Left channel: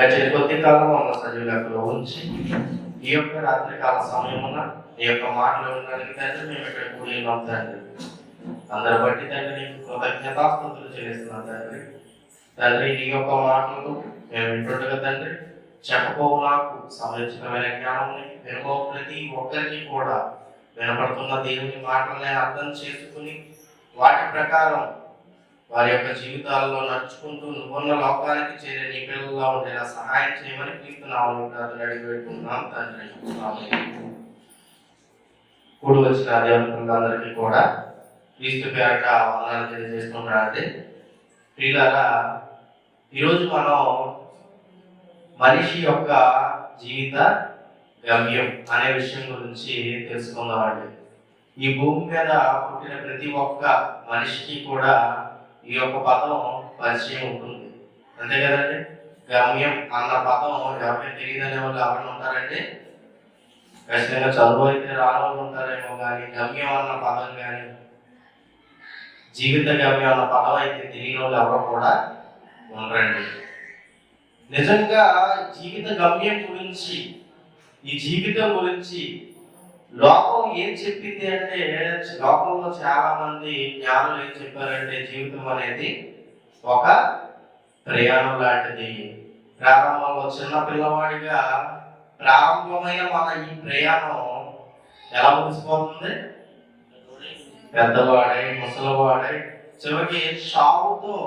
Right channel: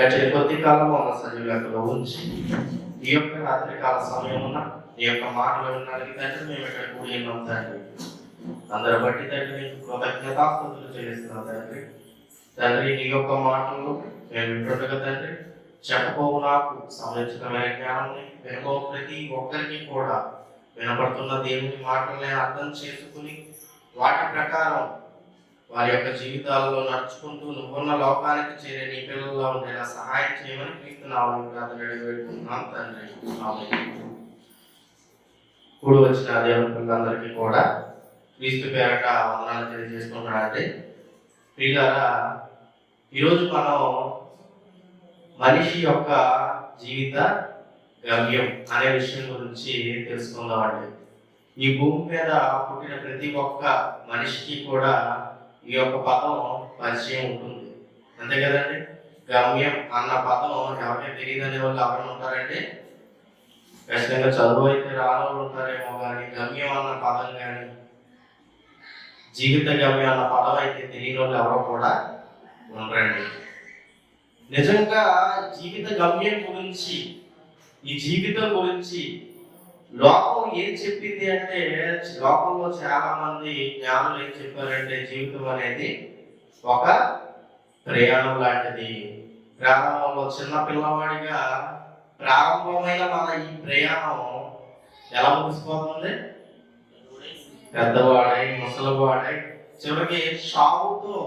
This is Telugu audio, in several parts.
గడిచిన కొద్ది కాలం ఉన్న సజీవులలో ఉంచి ఈ యొక్క రాత్రికాల సమయమున ఈ యొక్క మాటలు వినడానికి తండ్రి మేము ఇక్కడ కూడి ఉన్నాం తండ్రి. అందరి బట్టి తండ్రి నీకు కృతజ్ఞతాస్తుతులు చెల్లిస్తున్నాం తండ్రి. తండ్రి నీ యొక్క మాటలు మేము వింటుండగా తండ్రి చెప్పబోవు నాకు సంబంధించిన జ్ఞానాన్ని వినబోవు ప్రతి ఒక్కరికి కూడా వినపడుతున్న దేవుని మాటలని అర్థం చేసుకుని వాటి ప్రకారం వారి యొక్క జీవితాల్లో నడుచుకుంటూ నువ్వున్న లోకానికి చేరే నీ పిల్లల్లో ఉండేలా సహాయం చేయమని క్రీస్తున్నాము ప్రార్థన అడిగి పెట్టుకుంటున్నాం తండ్రి. కూడి వచ్చిన దేవుని కూడా క్రీస్తు పేరట వందనాలు తెలియజేస్తున్నారంటే ప్రియులారా, ఈరోజు మనం మనిషి యొక్క జీవిత గమ్యం అనే విషయం గురించి తెలుసుకుందామండి. ఈ భూమి మీద పుట్టిన ప్రతి ఒక్క మనిషికి కూడా ఈ యొక్క పదం పరిచయం ఉంటుంది, అంతే కదండి. గమ్యం అన్న పదం ఎవరికి తెలియదనే వాళ్ళు ఎవరైనా ఉంటారండి? ఖచ్చితంగా చదువు అయితే రాని ఉంటారేమో, కానీ గమ్యం అన్న పదం కానీ జీవిత గమ్యం అన్న పదం అయితే తెలియని వాళ్ళు ఎవరో కూడా ఉండరండి. నిజంగా జీవిత గమ్యం గురించి, ఈ జీవితం గురించి లోకం ఏం చెప్పింది అంటే, లోకంలో చాలా మంది జ్ఞానులు ఏం చెప్పారంటే, జీవితం అనేది ఒక ప్రయాణం లాంటిది. ప్రారంభంలో చిన్న పిల్లవాడిగా ప్రారంభమైన మన ఈ ప్రయాణం ఎలా ముగిసిపోతుంది? పెద్దవాడై ముసలివాడై చివరికి సాగుతో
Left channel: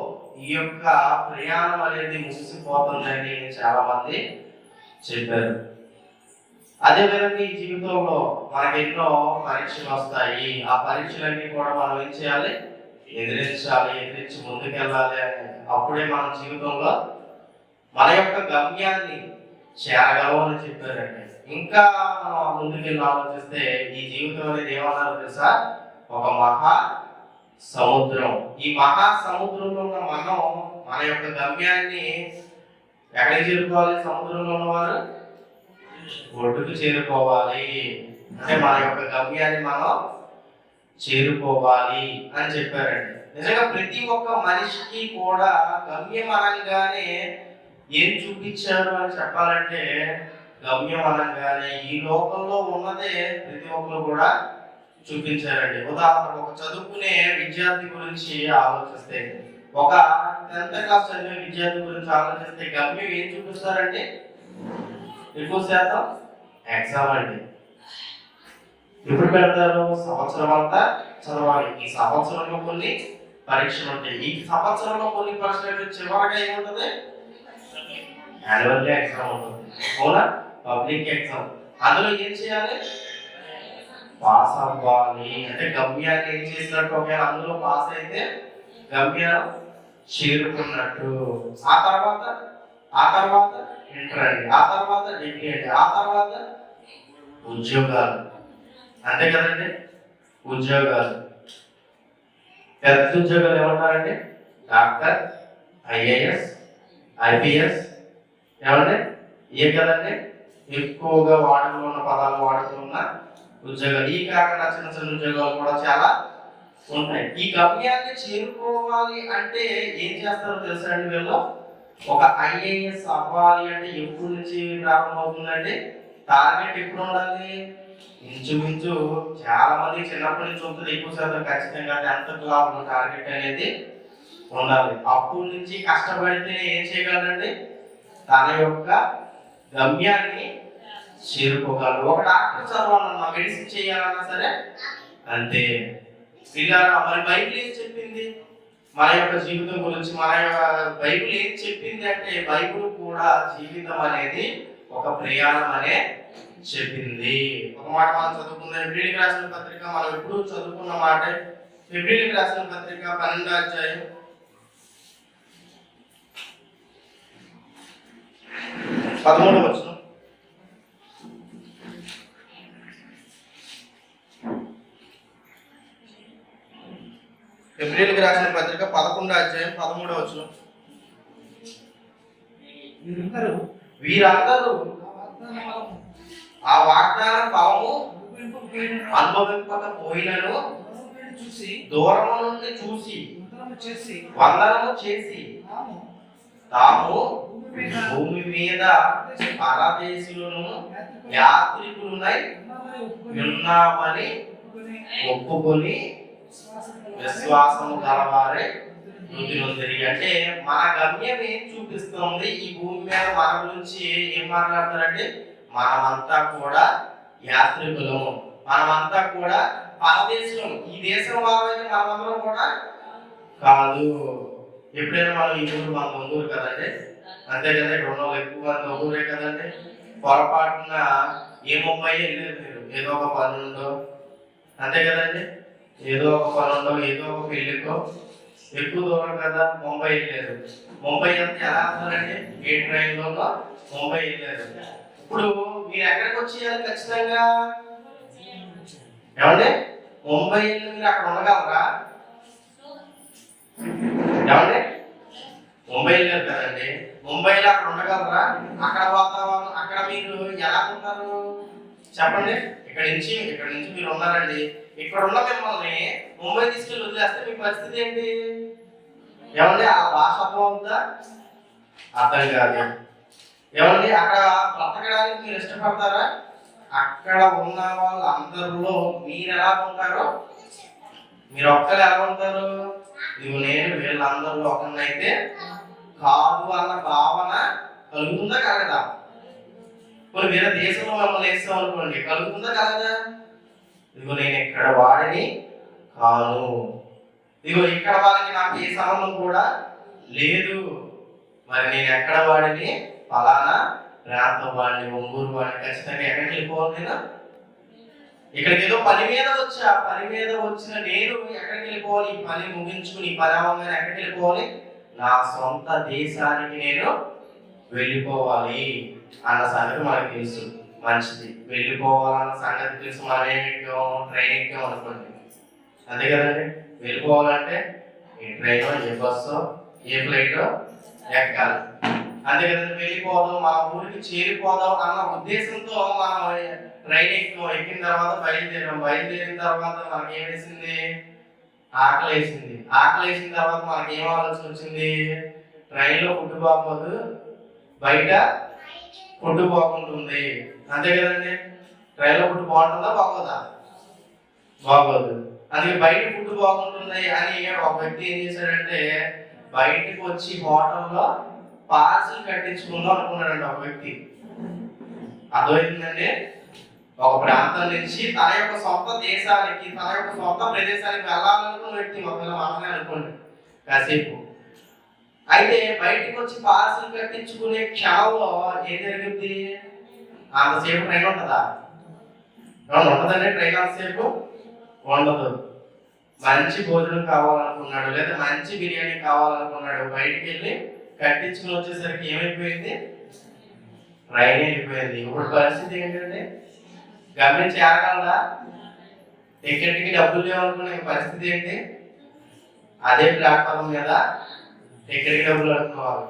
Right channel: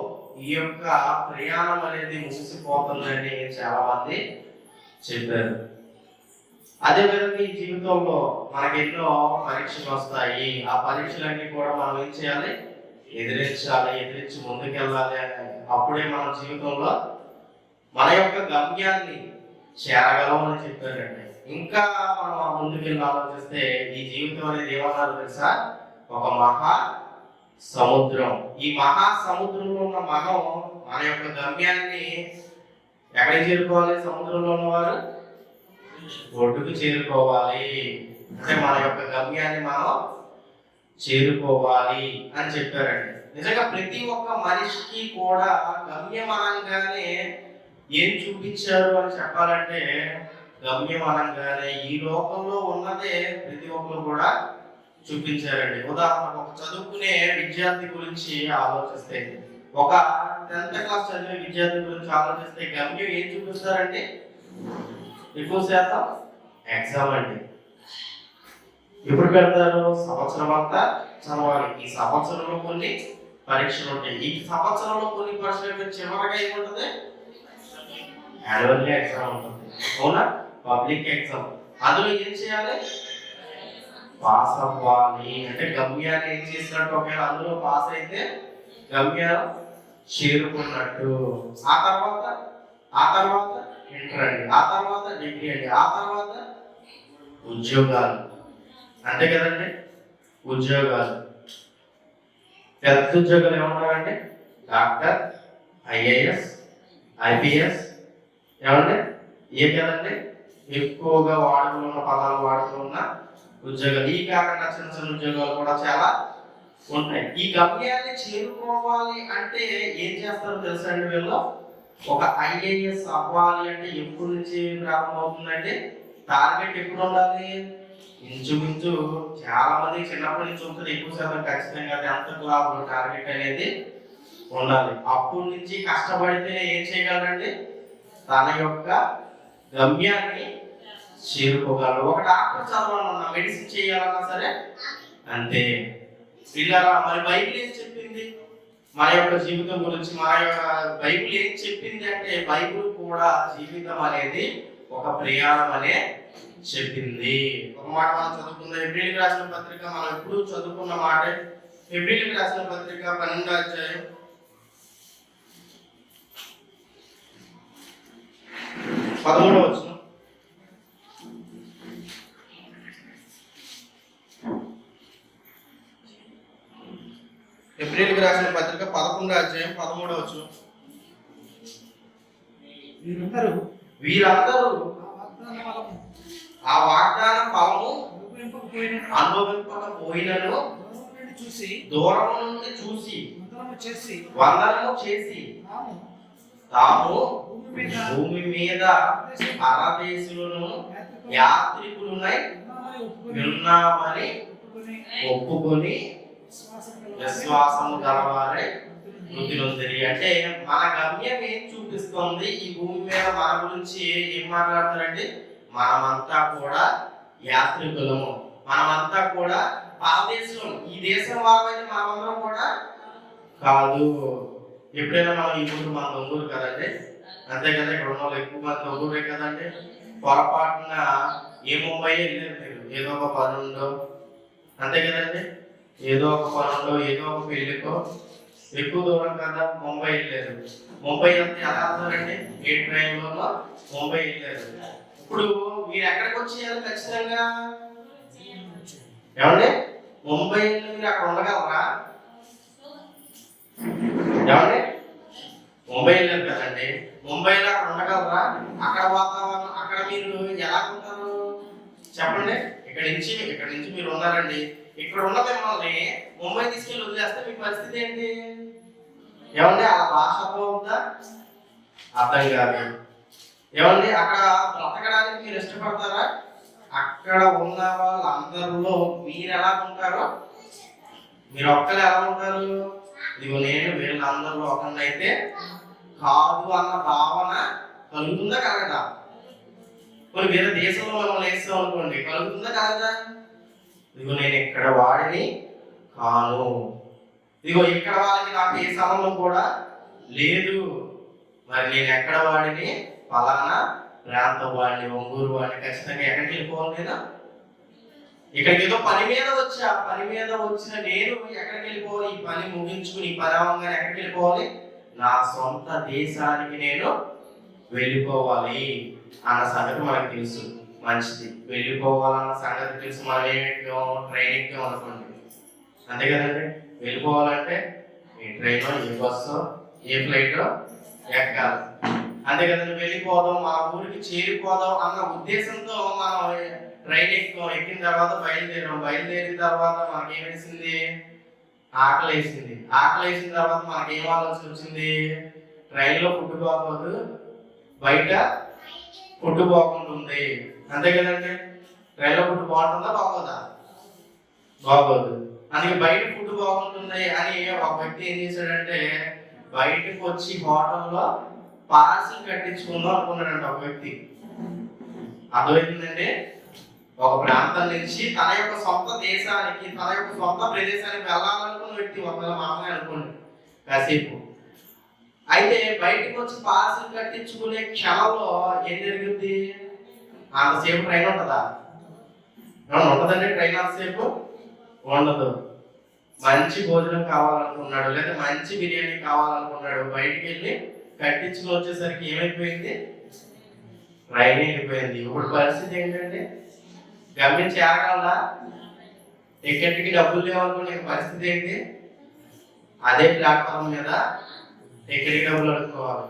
ఈ యొక్క ప్రయాణం అనేది ముగిసిపోతుందని చాలా మంది చెప్పారు. అదేవిధంగా ఈ జీవితంలో మనకి ఎన్నో పరీక్షలు వస్తాయి. ఆ పరీక్షలన్నీ కూడా మనం ఏం చేయాలి? ఎదిరించి ముందుకెళ్ళాలి. అప్పుడే మన జీవితంలో మన యొక్క గమ్యాన్ని చేరగలమని చెప్పారండి. ఇంకా మనం ముందుకెళ్ళి ఆలోచిస్తే ఈ జీవితం అనేది ఏమన్నారు తెలుసా? ఒక మహా సముద్రం. ఈ మహా సముద్రంలో ఉన్న మనం మన యొక్క గమ్యాన్ని ఎక్కడికి చేరుకోవాలి? సముద్రంలో ఉన్నవారు ఒడ్డుకు చేరుకోవాలి. అంటే మన యొక్క గమ్యాన్ని మనం చేరుకోవాలి అని చెప్పారండి. నిజంగా ప్రతి ఒక్క మనిషికి కూడా గమ్యం అనగానే ఏం చూపించారు అని చెప్పాలంటే, గమ్యం అనగానే ఈ లోకంలో ఉన్నదే ప్రతి ఒక్కరు కూడా చూపించారండి. ఉదాహరణకు ఒక చదువుకునే విద్యార్థి గురించి ఆలోచిస్తే, ఒక 10th క్లాస్ చదివే విద్యార్థి గురించి ఆలోచిస్తే గమ్యం ఏం చూపిస్తారండి? ఎక్కువ శాతం ఎగ్జామ్ అండి. ఎప్పుడు పెడతారు? సంవత్సరం అంతా చదవాలి. ఈ సంవత్సరంలో కొన్ని పరీక్షలు ఉంటాయి. ఈ సంవత్సరంలో కొన్ని పరీక్షలు చివరిగా ఏముంటుంది? యాన్యువల్ ఎగ్జామ్ ఉంటుంది, అవునా? Public exam. అందులో ఏం చేయాలి? పాస్ అవ్వాలి. అంటే గమ్యాన్ని ఏం చేసినట్టు? ఒకవేళ అందులో పాస్ అయితే గమ్యం చేరుకున్నట్టు. ఆ తర్వాత ఇంటర్ అండి, ఆ తర్వాత డిగ్రీ అండి, ఆ తర్వాత ఉద్యోగాలు, అంతే కదండి. ఉద్యోగాలు, పెద్ద ఉద్యోగాలు ఏమంటారండి? డాక్టర్, ఐఏఎస్, ఐపీఎస్, ఏమంటే ఏ కదండి ఎక్కువగా వాడుకలో ఉన్న పదాలు వాడుతున్న ఉద్యోగాలు. ఈ కాకుండా చిన్న చిన్న ఉద్యోగాలు కూడా చాలా ఉంటాయి. ఈ గమ్యాన్ని చేరుకోవాలి అంటే ఏం చేస్తారో తెలుసా అండి? వీళ్ళు ఒక ఐఏఎస్ అవ్వాలి అంటే ఎప్పటి నుంచి ప్రారంభమవుతుందండి? టార్గెట్ ఎప్పుడు ఉండాలి? ఇంచుమించు చాలా మంది చిన్నప్పటి నుంచి ఉంటుంది. ఎక్కువ శాతం ఖచ్చితంగా 10th క్లాస్ టార్గెట్ అనేది ఉండాలి. అప్పటి నుంచి కష్టపడితే ఏం చేయగలరండి? తన యొక్క గమ్యాన్ని చేరుకోగలరు. ఒక డాక్టర్ చదవాలన్నా, మెడిసిన్ చేయాలన్నా సరే అంతే. పిల్లరా, మరి బైబిల్ ఏం చెప్పింది మన యొక్క జీవితం గురించి? మన యొక్క బైబిల్ ఏం చెప్పింది అంటే, బైబిల్ కూడా జీవితం అనేది ఒక ప్రయాణం అనే చెప్పింది. ఒక మాట మనం చదువుకున్న హెబ్రీయులకు రాసిన పత్రిక, మనం ఎప్పుడు చదువుకున్న మాట. హెబ్రీయులకు రాసిన పత్రిక 12వ అధ్యాయం 13వ వచనం. హెబ్రీయులకు రాసిన పత్రిక 11వ అధ్యాయం 13వ వచనం. వీరందరూ ఆ వాగ్దాన ఫలము అనుభవింపకపోయినను దూరము నుండి చూసి వందనము చేసి తాము భూమి మీద పరదేశులను యాత్రికులునై ఉన్నామని ఒప్పుకొని విశ్వాసము గలవారే వృద్ధి నొందిరి. అంటే మన గమ్యం ఏం చూపిస్తుంది? ఈ భూమి మీద మన గురించి ఏం మాట్లాడతారంటే మనమంతా కూడా యాత్రికులము, మనమంతా కూడా పరదేశం. ఈ దేశం వాళ్ళైతే మనమందరం కూడా కాదు. ఎప్పుడైనా మనం ఈ ఊరు మన ఒంగూరు కదండి, అంతే కదా, ఇక్కడ ఉన్న వాళ్ళు ఎక్కువ మంది ఒంగూరే కదండి. పొరపాటున ఏ ముంబై వెళ్ళారు మీరు, ఏదో ఒక పని ఉండో, అంతే కదండి, ఏదో ఒక పని ఉండో, ఏదో ఒక పెళ్లికో, ఎక్కువ దూరం కదా ముంబై వెళ్ళారు. ముంబై అంతా ఎలా వెళ్తారండి? ఏ ట్రైన్లోనో ముంబై వెళ్ళారు. ఇప్పుడు మీరు ఎక్కడికి వచ్చేయాలి ఖచ్చితంగా? ఏమండి, ముంబై వెళ్ళి మీరు అక్కడ ఉండగలరా? ఏమండి, ముంబై వెళ్ళారు కదండి, ముంబైలో అక్కడ ఉండగలరా? అక్కడ వాతావరణం, అక్కడ మీరు ఎలా ఉంటారు చెప్పండి? ఇక్కడ నుంచి మీరు ఉన్నారండి, ఇక్కడ ఉన్న మిమ్మల్ని ముంబై తీసుకెళ్ళి వదిలేస్తే మీ పరిస్థితి ఏంటి? ఏమండి, ఆ భాష అర్థమవుతుందా? అర్థం కాదు. ఏమండి, అక్కడ బ్రతకడానికి మీరు ఇష్టపడతారా? అక్కడ ఉన్న వాళ్ళందరిలో మీరు ఎలా ఉంటారో మీరు ఒక్కరు ఎలా ఉంటారు? ఇదిగో నేను వీళ్ళందరిలో ఒకరినైతే కాదు అన్న భావన కలుగుతుందా కలగదా? కొన్ని వేరే దేశంలో మమ్మల్ని వేస్తాం అనుకోండి, కలుగుతుందా కలగదా? ఇదిగో నేను ఇక్కడ వాడిని కాను, ఇదిగో ఇక్కడ వాళ్ళకి నాకు ఏ సంబంధం కూడా లేదు, మరి నేను ఎక్కడ వాడిని? ఫలానా ప్రాంతం వాడిని, ఒంగూరు వాడిని. ఖచ్చితంగా ఎక్కడికి వెళ్ళిపోవాలి? నేను ఇక్కడికి ఏదో పని మీద వచ్చా, పని మీద వచ్చిన నేను ఎక్కడికి వెళ్ళిపోవాలి? ఈ పని ముగించుకుని ఈ పని అవ్వగానే ఎక్కడికి వెళ్ళిపోవాలి? నా సొంత దేశానికి నేను వెళ్ళిపోవాలి అన్న సంగతి మనకు తెలుసు. మంచిది, వెళ్ళిపోవాలన్న సంగతి తెలుసు. మనం ఏమిటో ట్రైన్ ఎక్కాం అనుకోండి, అంతే కదండి. వెళ్ళిపోవాలంటే ఏ ట్రైనో, ఏ బస్సో, ఏ ఫ్లైటో ఎక్కాలి, అంతే కదండి. వెళ్ళిపోదాం, మన ఊరికి చేరిపోదాం అన్న ఉద్దేశంతో మనం ట్రైన్ ఎక్కిన తర్వాత బయలుదేరిన తర్వాత మనకి ఏం వేసింది? ఆకలి వేసింది. ఆకలి వేసిన తర్వాత మనకి ఏం ఆలోచన వచ్చింది? ట్రైన్లో ఫుడ్ బాగోదు, బయట ఫుడ్ బాగుంటుంది, అంతే కదండి. ట్రైన్లో ఫుడ్ బాగుంటుందా బాగోదా? బాగోదు. అందుకే బయట ఫుడ్ బాగుంటుంది అని ఒక వ్యక్తి ఏం చేశాడంటే బయటకు వచ్చి హోటల్లో పార్సిల్ కట్టించుకుందాం అనుకున్నాడంట ఒక వ్యక్తి. అర్థమైందండి? ఒక ప్రాంతం నుంచి తన యొక్క సొంత దేశానికి, తన యొక్క సొంత ప్రదేశానికి వెళ్ళాలనుకున్న వ్యక్తి, ఒకవేళ మనమే అనుకోండి కాసేపు. అయితే బయటకు వచ్చి పార్సిల్ కట్టించుకునే క్షణంలో ఏం జరుగుద్ది? అంతసేపు ట్రైన్ ఉంటుందా? ఉంటుందండి ట్రైన్ అంతసేపు? ఉండదు. మంచి భోజనం కావాలనుకున్నాడు, లేదా మంచి బిర్యానీ కావాలనుకున్నాడు, బయటికి వెళ్ళి కట్టించుకుని వచ్చేసరికి ఏమైపోయింది? ట్రైన్ అయిపోయింది. ఇప్పుడు పరిస్థితి ఏంటంటే గమ్యం చేరగలదా? టికెట్కి డబ్బులు లేవనుకునే పరిస్థితి ఏంటి? అదే ప్లాట్ఫామ్ మీద టికెట్కి డబ్బులు అనుకోవాలి.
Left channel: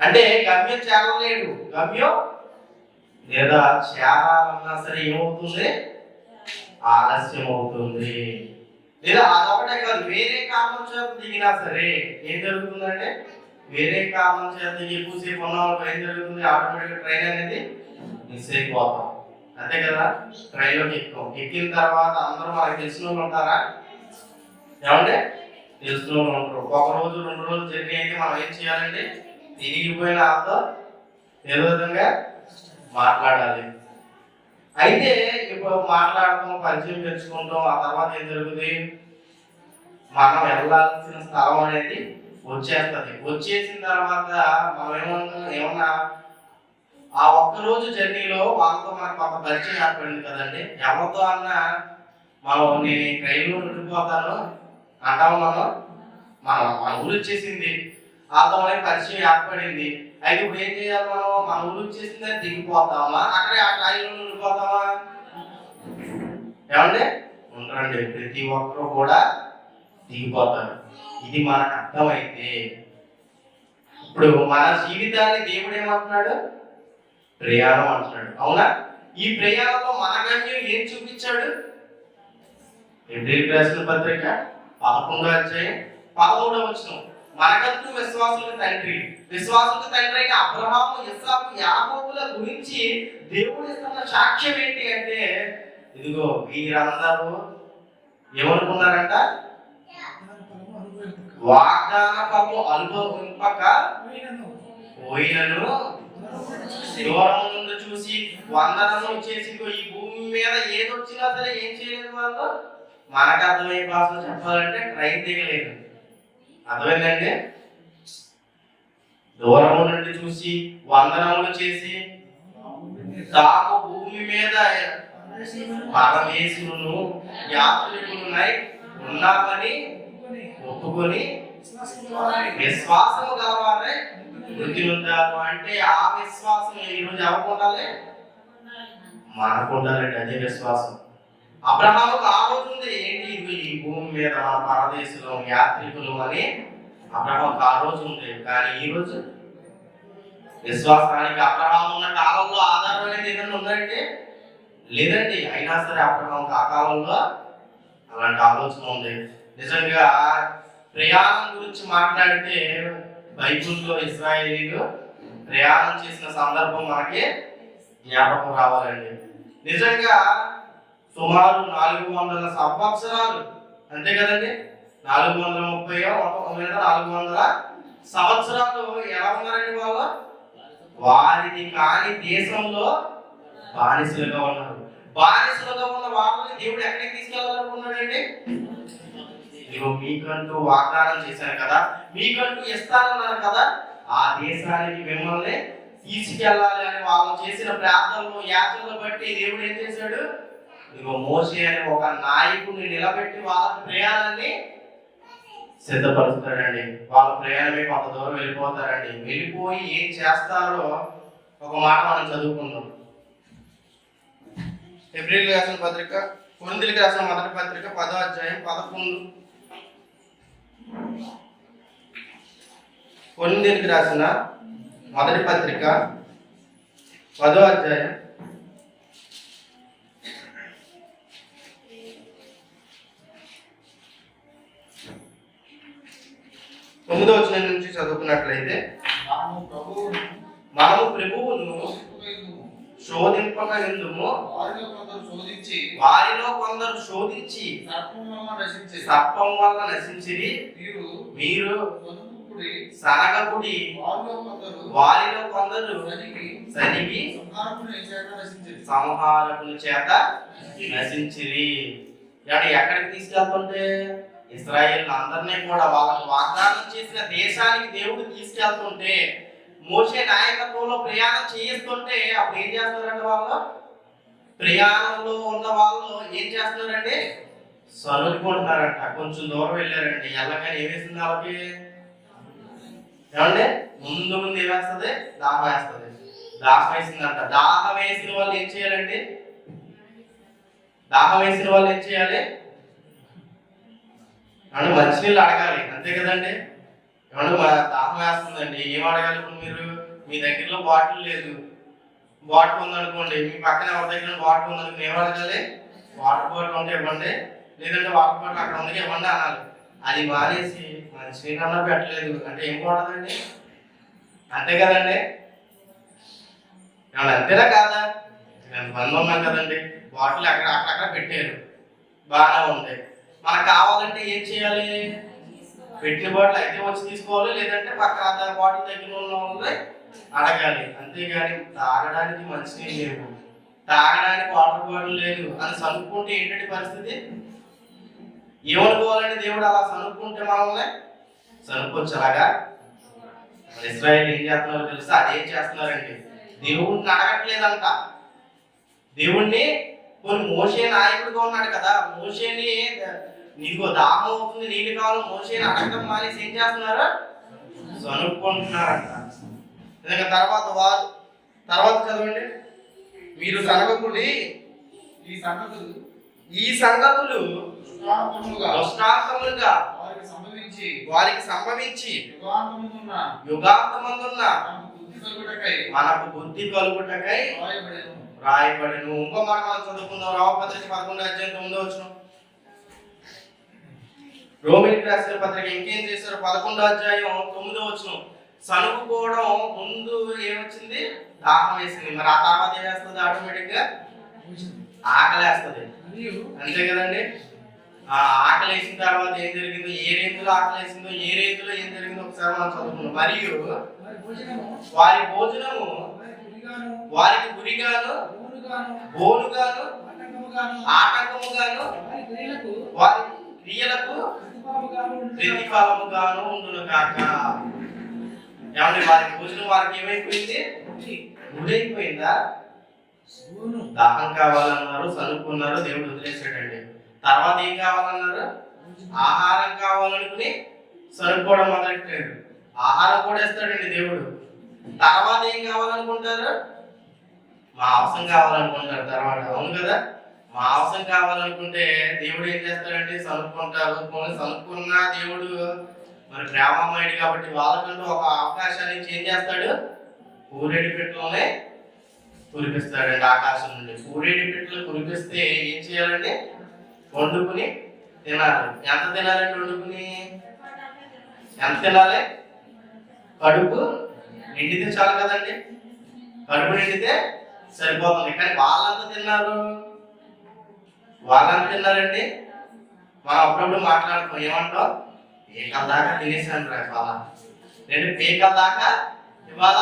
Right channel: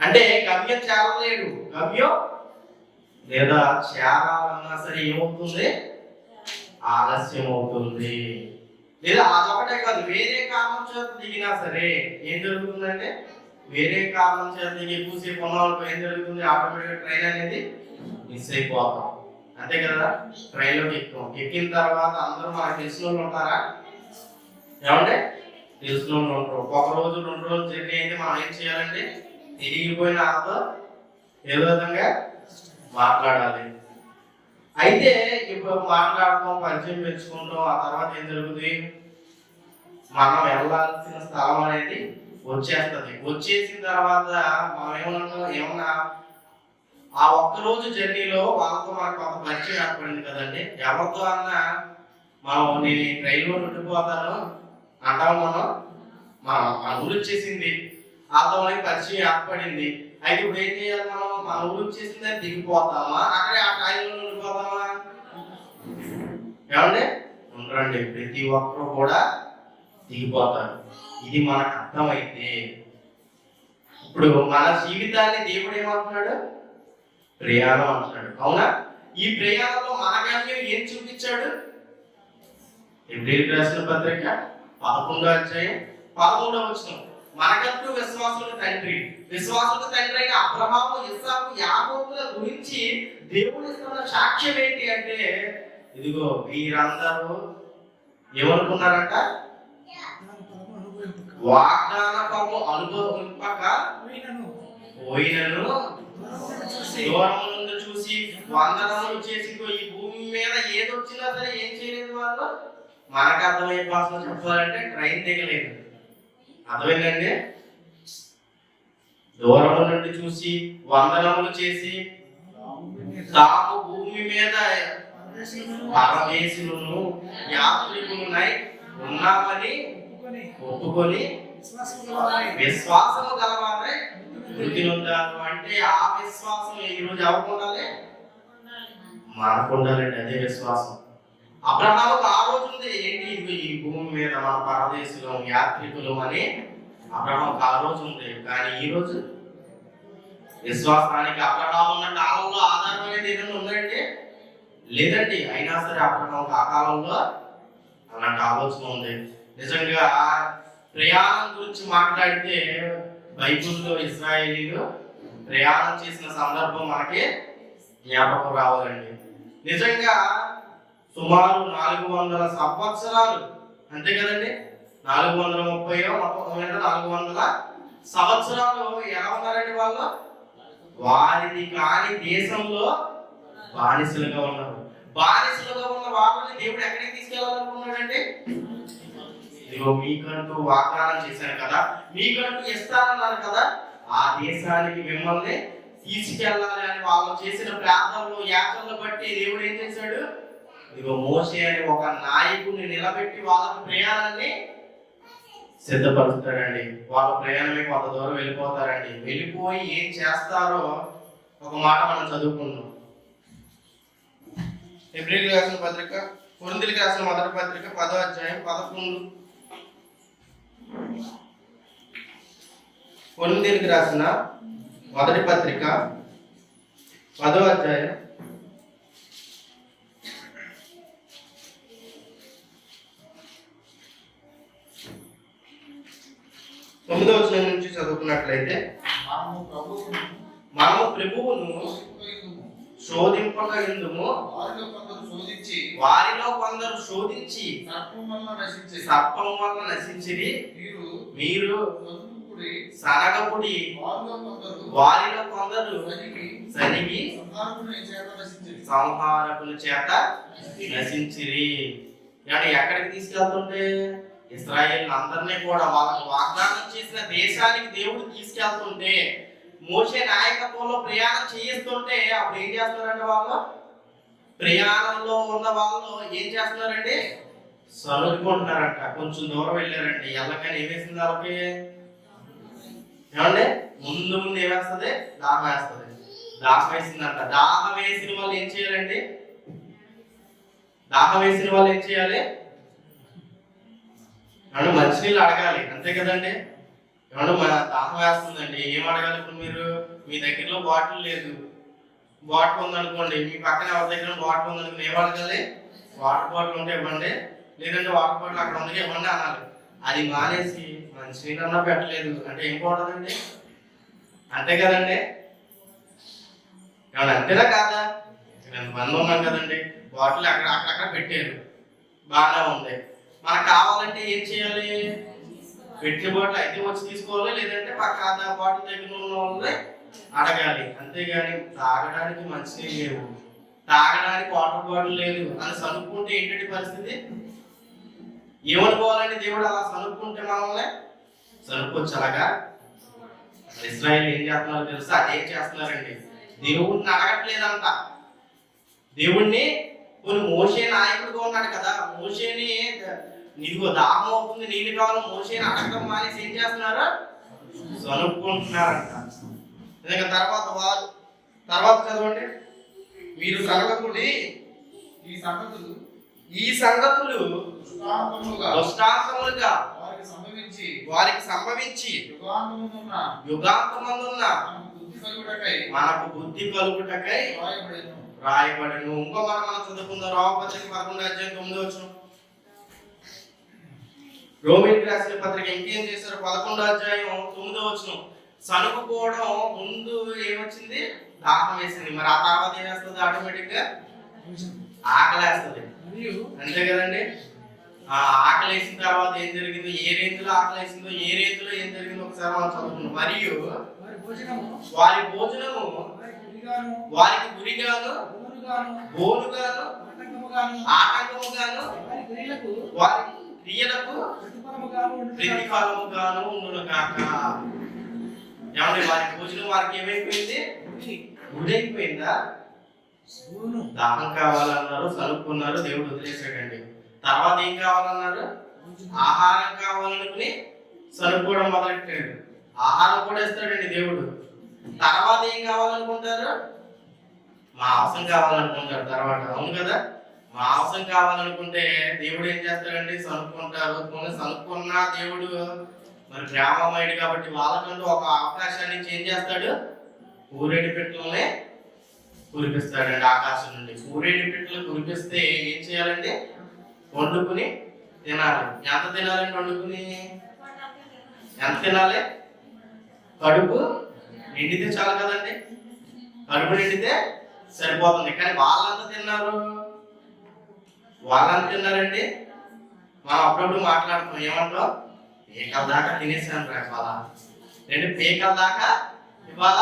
అంటే గమ్యం చేరలేడు. గమ్యం లేదా చేరాలన్నా సరే ఏమవుతుంది? ఆలస్యం అవుతుంది. లేదా అదొకటే కాదు, వేరే కారణం చేత దిగినా సరే ఏం జరుగుతుందంటే, వేరే కారణం చేత దిగి ఎక్కువసేపు ఉన్న వాళ్ళకి ఏం జరుగుతుంది? ఆటోమేటిక్గా ట్రైన్ అనేది మిస్ అయిపోతాం, అంతే కదా. ట్రైన్లోకి ఎక్కిన తర్వాత అందరూ మనకు తెలిసిన వాళ్ళు ఉంటారా? ఏమంటే తెలిసిన వాళ్ళు ఉంటారు. ఒక రోజు 2 రోజులు జర్నీ అయితే మనం ఏం చేయాలండి? తిరిగిపోయిన వాళ్ళతో ఏదో విధంగా మాట్లాడాలి. అయితే ఇప్పుడు మాట్లాడటం, పరిచయం పెంచుకుంటాం, ఆ తర్వాత ఏం జరుగుతుంది? మనం వెళ్ళాల్సిన స్థలం అనేది వచ్చేస్తుంది. వచ్చేసిన తర్వాత మనం ఏమన్నా ఆ ఒక్కరోజు జర్నీలో వాళ్ళతో మనకు కొంత పరిచయం ఏర్పడింది కదండి. ఎవరితో అన్నా మనం నేను ఈ ట్రైన్లో ఉండిపోతాను అంటాము, మన ఊరు వచ్చేసింది, వాళ్ళతో మనకి పరిచయం ఏర్పడింది. అయితే ఇప్పుడు ఏం చేయాలి? మన ఊరు వచ్చేసింది అని దిగిపోతామా, అక్కడే ఆ ట్రైన్లో ఉండిపోతామా? ఏమండి, ఉండరండి. ప్రతి ఒక్కరు కూడా దిగిపోతారు. ఇది మనకు అర్థమైతే ఇప్పుడు మన జీవితాన్ని దేవుడు ఏమంటున్నాడు? ప్రయాణం అంటున్నాడు, అవునా? ఈ ప్రయాణంలో మన గమ్యం ఏం చూపించాడు? ఎబ్రిల్ రాసిన పత్రిక 11వ అధ్యాయం 13వ వచనం. మనకంటూ విశ్వాసులకు తండ్రి. విశ్వాసులకు తండ్రి అయిన అబ్రహాము, ఇస్సాకు, యాకోబుల గురించి దేవుడు ఇస్తున్న సాక్ష్యం ఏంటి అంటే, ఇదిగో వీరందరూ ఏమనుకున్నారంట? వాగ్దాన ఫలము అనుభవింపక పోయినను దూరం నుండి చూసి వందనములు చేసి ఈ భూమి మీద ఏదొచ్చినా సరే ఏం చేయలేదు వాళ్ళు. మనకు అర్థమయ్యే భాషలో చెప్పాలంటే ట్రైన్ దిగలేదు. అర్థమైందండి? దూరం నుండి చూసి వందనములు చేసి తాము భూమి మీద పరమేశులను యాత్రికులునై ఉన్నామని ఒప్పుకొని విశ్వాసము గలవారై వృద్ధి ఉంటారు. అంటే ఆ విశ్వాసం ఈరోజు ఎవరికి ఉండాలి? మనకు ఉండాలండి. అదే విశ్వాసం అబ్రహాముకు ఆ రోజు ఉంది. ఏంటి? ఈ భూమి మీద మన పరదేశులం, యాత్రికులం అని అబ్రహాముకు ఆ రోజు ఉంది. కానీ ఈ రోజు విశ్వాసానికి అబ్రహాము ఉన్న కాలంలో ఆధారం అనేది ఏదైనా ఉందండి? లేదండి. అయినా సరే అబ్రహాముకు ఆ కాలంలో అలాంటి ఆలోచన ఉంది. నిజంగా ప్రయాణం గురించి మాట్లాడితే బైబిల్లో ఇశ్రాయేలీలు ప్రయాణం చేసిన సందర్భం మనకి జ్ఞాపకం రావాలండి. నిజంగా సుమారు 400 సంవత్సరాలు, అంతే కదండి, 430 400 సంవత్సరాలు ఎలా ఉన్నారండి వాళ్ళు? వారిది కాని దేశంలో బానిసలుగా ఉన్నారు. బానిసలుగా ఉన్న వాళ్ళని దేవుడు ఎక్కడికి తీసుకెళ్లాలనుకున్నాడండి? ఇదిగో మీకంటూ వాగ్దానం చేశాను కదా, మీకంటూ ఇస్తానన్నాను కదా, ఆ దేశానికి మిమ్మల్ని తీసుకెళ్ళాలి అని వాళ్ళు చేసిన ప్రార్థనలు, యాచనలు బట్టి దేవుడు ఏం చేశాడు? ఇదిగో మోషే అని ఒక నాయకుడిని నిలబెట్టి వాళ్ళ ప్రయాణాన్ని సిద్ధపరుస్తాడండి. వాళ్ళ ప్రయాణమే కొంత దూరం వెళ్ళిపోతారండి. వెళ్ళిపోయి ఏం చేస్తారో ఒక మాట మనం చదువుకుందాం. హెబ్రీయులకు రాసిన పత్రిక, కొరింథీయులకు రాసిన మొదటి పత్రిక 10వ అధ్యాయం 11. కొరింథీయులకు రాసిన మొదటి పత్రిక 10వ అధ్యాయం 9వ వచనం నుంచి చదువుకున్నట్లయితే, మనము ప్రభువును శోధింపక ఇందుము, వారిలో కొందరు శోధించి సర్పం వల్ల నశించిరి. మీరు సనగపుడి, వారిలో కొందరు సనిగి సంహారకుని చేత నశించిరి. అంటే ఎక్కడికి తీసుకెళ్తుంటే ఇశ్రాయేలు అందరినీ కూడా వాళ్ళకి వాగ్దానం చేసిన దేశానికి దేవుడు తీసుకెళ్తుంటే, మోషే నాయకత్వంలో ప్రయాణం చేయిస్తుంటే అప్పుడు ఏం చేస్తున్నారంటే వాళ్ళు ప్రయాణంలో ఉన్న వాళ్ళు ఏం చేస్తున్నారండి? సనుకుంటున్నారంట. కొంచెం దూరం వెళ్ళారండి. ఎల్లకని ఏమేసింది వాళ్ళకి? ఏమండి? ముందు ఏమేస్తుంది? దాహం వేస్తుంది. దాహం వేసిందంట. దాహం వేసిన వాళ్ళు ఏం చేయాలండి? దాహం వేసిన వాళ్ళు ఏం చేయాలి? ఏమన్నా మంచినీళ్ళు అడగాలి, అంతే కదండి. ఏమన్నా దాహం వేస్తుందండి, ఏం అడగాలి? ఇప్పుడు మీరు మీ దగ్గరలో బాటిల్ లేదు, బాటిల్ ఉందనుకోండి, మీ పక్కన ఎవరి దగ్గర బాటిల్ ఉందనుకోండి, ఏం అడగాలి? వాటర్ బాటిల్ ఉంటే ఇవ్వండి, లేదంటే వాటర్ బాటిల్ అక్కడ ఉంది ఇవ్వండి అనాలి. అది మానేసి మంచినీళ్ళు అన్నా పెట్టలేదు అంటే ఏం బాగుంటుందండి? అంతే కదండి. ఏమన్నా అంతేనా కాదా? ఎంతమంది ఉన్నాం కదండి, బాటిల్ అక్కడ పెట్టారు, బాగానే ఉంది. మనకు కావాలంటే ఏం చేయాలి? పెట్టిన బాటిల్ అయితే వచ్చి తీసుకోవాలి, లేదంటే పక్క బాటిల్ దగ్గర ఉన్న వాళ్ళని అడగాలి. అంతేగాని తాగడానికి మంచినీళ్ళు లేవు, తాగడానికి వాటర్ బాటిల్ లేదు అని సనుక్కుంటే ఏంటంటే పరిస్థితి? ఏమనుకోవాలంటే దేవుడు అలా సనుక్కుంటే మనల్ని సనుక్కొచ్చు. అలాగా ఇశ్రాయేలు ఏం చేస్తున్నారో తెలుసా? అదేం చేస్తున్నారండి, దేవుడిని అడగట్లేదంట. దేవుణ్ణి కొన్ని మోషే నాయకుడిగా ఉన్నాడు కదా, మోషేని నీకు దాహం అవుతుంది, నీళ్ళు కావాలి, మోషేని అడగడం మానేసి ఏం చేస్తున్నారు? సనుక్కుంటున్నారంట. తర్వాత చదవండి. మీరు సనగకుడి, ఈ సంగతులు దృష్టాంతములుగా వారికి సంభవించి యుగాంతమందున్న మనకు బుద్ధి కలుగుటకై రాయబడను. ఇంకో మాట మనం చదువుకుందాం. రోమపత్రిక 11వ అధ్యాయం 9వ వచనం. రోమిలికి రాసిన పత్రిక ఇంకేం చేశారు? 11వ అధ్యాయం 9వ వచనం. సనుగుకోవడం ముందు ఏమొచ్చింది? దాహం వేసింది. మరి ఆ తర్వాత ఏం వేస్తుంది? ఆటోమేటిక్ గా ఆకలి వేస్తుంది. అంతే కదండి. ఆ ఆకలి వేసిన తర్వాత ఏం జరిగిందో, ఏ రీతిలో ఆకలి వేసిందో, ఏ రీతిలో ఏం జరిగిందో ఒకసారి మనం చదువుకున్నాం. మరియు వారి భోజనము వారికి గురిగాను, బోనుగాను, ఆటంకముగాను, వారి క్రియలకు ప్రతిఫలముగాను ఉండును కాక. ఏమంటే వారి భోజనం వారికి ఏమైపోయింది? గురైపోయిందా? దాహం కావాలన్నారు, చదువుకున్నారు, దేవుడు వదిలేసాడండి. తర్వాత ఏం కావాలన్నారు? ఆహారం కావాలనుకుని చదువుకోవడం మొదలెట్టాడు. ఆహారం కూడా ఇస్తాడండి దేవుడు. తర్వాత ఏం కావాలనుకుంటారు? మాంసం కావాలనుకుంటారు తర్వాత. అవును కదా. మాంసం కావాలనుకుంటే దేవుడు ఏం చేస్తాడంటే చదువుకుంటారు. చదువుకున్న దేవుడు మరి ప్రేమమయుడు కాబట్టి వాళ్ళకంటూ ఒక అవకాశాన్ని ఏం చేస్తాడు? పూరేడి పెట్టలోనే కురిపిస్తాడండి. ఆకాశం నుండి పూరేడి పెట్టలు కురిపిస్తే ఏం చేయాలండి? వండుకుని తినాలి. ఎంత తినాలండి వండుకుని? ఎంత తినాలి? కడుపు నిండితే చాలు కదండి. కడుపు నిండితే సరిపోతుంది. కానీ వాళ్ళంతా తిన్నారండి. మనం అప్పుడప్పుడు మాట్లాడుతాం, ఏమంటాం? పేకల దాకా తినేసాను రా ఇవాళ, రెండు పేకల దాకా ఇవాళ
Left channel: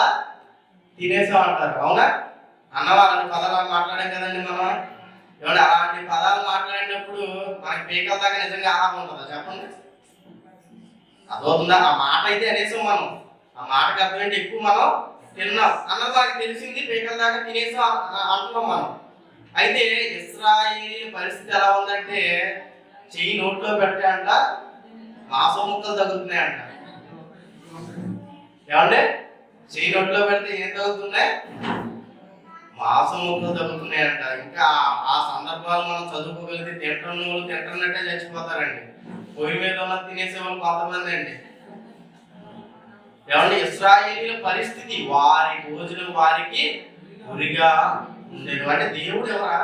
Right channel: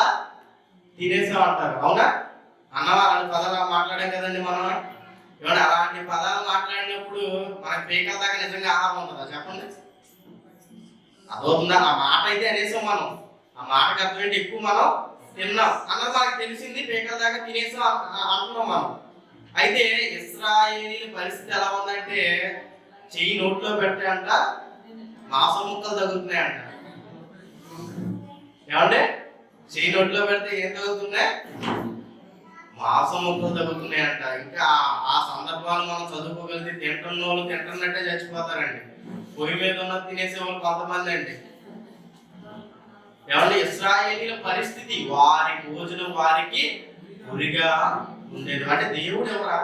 తినేసాం అంటారు. అవునా? అన్నవాళ్ళని పదాలు మాట్లాడాం కదండి మనం. ఏమంటే అలాంటి పదాలు మాట్లాడినప్పుడు మనకి పేకల దాకా నిజంగా ఆహారం ఉంటుందా చెప్పండి? అదవుతుందా? ఆ మాట అయితే అనేసాం మనం. ఆ మాటకు అర్థం ఏంటి? ఎక్కువ మనం తిన్నాం అన్నది మనకి తెలిసింది. పేకల దాకా తినేసాం అంటున్నాం మనం. అయితే ఇశ్రాయేలీయుల పరిస్థితి ఎలా ఉందంటే, చెయ్యి నోట్లో పెట్టే అంట మాంసం ముక్కలు తగులుతున్నాయంట. ఏమంటే చెయ్యి నోట్లో పెడితే ఏం తగులుతున్నాయి? మాంసం ముక్కలు తగ్గుతున్నాయంట. ఇంకా ఆ సందర్భాలు మనం చదువుకోగలిగితే తింటున్న వాళ్ళు తింటున్నట్టే చచ్చిపోతారండి. పొయ్యి మీద ఉన్న తినేసే వాళ్ళు కొంతమంది అండి. ఏమంటే ఇశ్రాయేలీయుల పరిస్థితి, వారి భోజనం వారికి గురిగా ఉండేది. అంటే దేవుడు ఎవరా?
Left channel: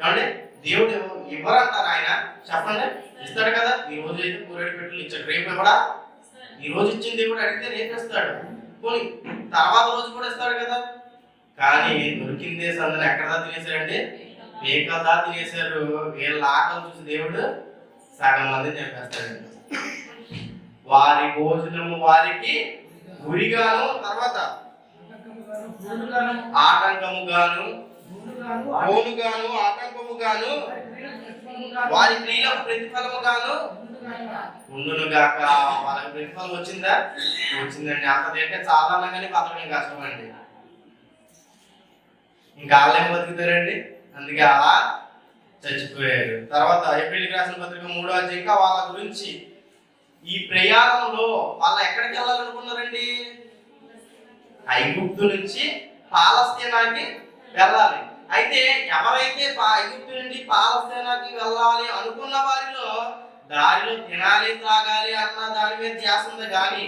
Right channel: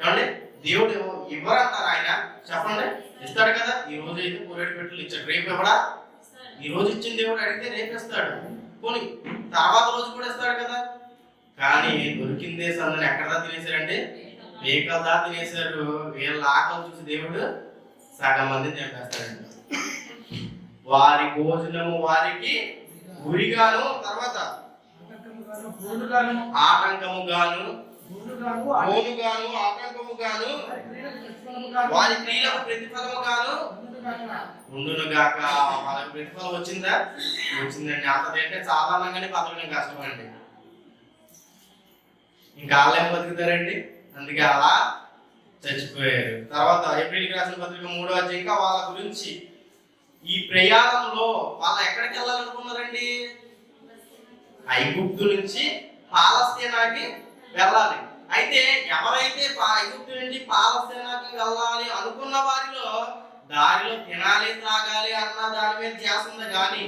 ఏమంటే దేవుడు ఇవ్వరంటారు ఆయన? చెప్పండి. ఇస్తాడు కదా. ఈ రోజు అయితే పూరేడు పెట్టలు ఇచ్చాడు, రేపు ఎవడా? ఈ రోజు ఇచ్చిన దేవుడు అడిగితే రేపు ఇస్తాడు. పోనీ తర్వాత రోజు కూడా ఇస్తాడు కదా. కానీ దొరికిందే సందని ఎక్కడదా తినేశారండి? పేకల్దా తినేశారు. వీళ్ళ ఆకలి చూసి దేవుడు సగం మంది చంపేస్తాడండి. వారి భోజనము వారికి గురిగాను, తర్వాత ఆటంకముగాను, బోనుగాను, ఆటంకముగాను, వారి క్రియలకు ప్రతిఫలముగాను ఉండునుగాక. వాళ్ళకి ప్రతిఫలం వచ్చిందా? వచ్చిందండి. అంత తింటే సాధారణంగానే బతకడం కష్టమండి. ఇంకా వాళ్ళేం బతుకుతారండి? అందుకే అలా చచ్చిపోయారు. తర్వాత ఏప్రిల్కి రాసిన పత్రిక 3వ అధ్యాయం ఇంకా వాళ్ళ గురించి. ఈ ప్రయాణంలో వాళ్ళు ఎక్కడికి వెళ్ళాలనుకున్నారండి? ఐగుప్తు నుంచి పాలస్తీనాకి వెళ్ళాలి. అయితే ఎవరైతే ఐగుప్తు నుండి పాలస్తీనాకి వెళ్ళాలి అనుకున్న వారిలో దారిలో తినాలి త్రాగాలి అన్న దాని మీద ధ్యాస ఉంది, కానీ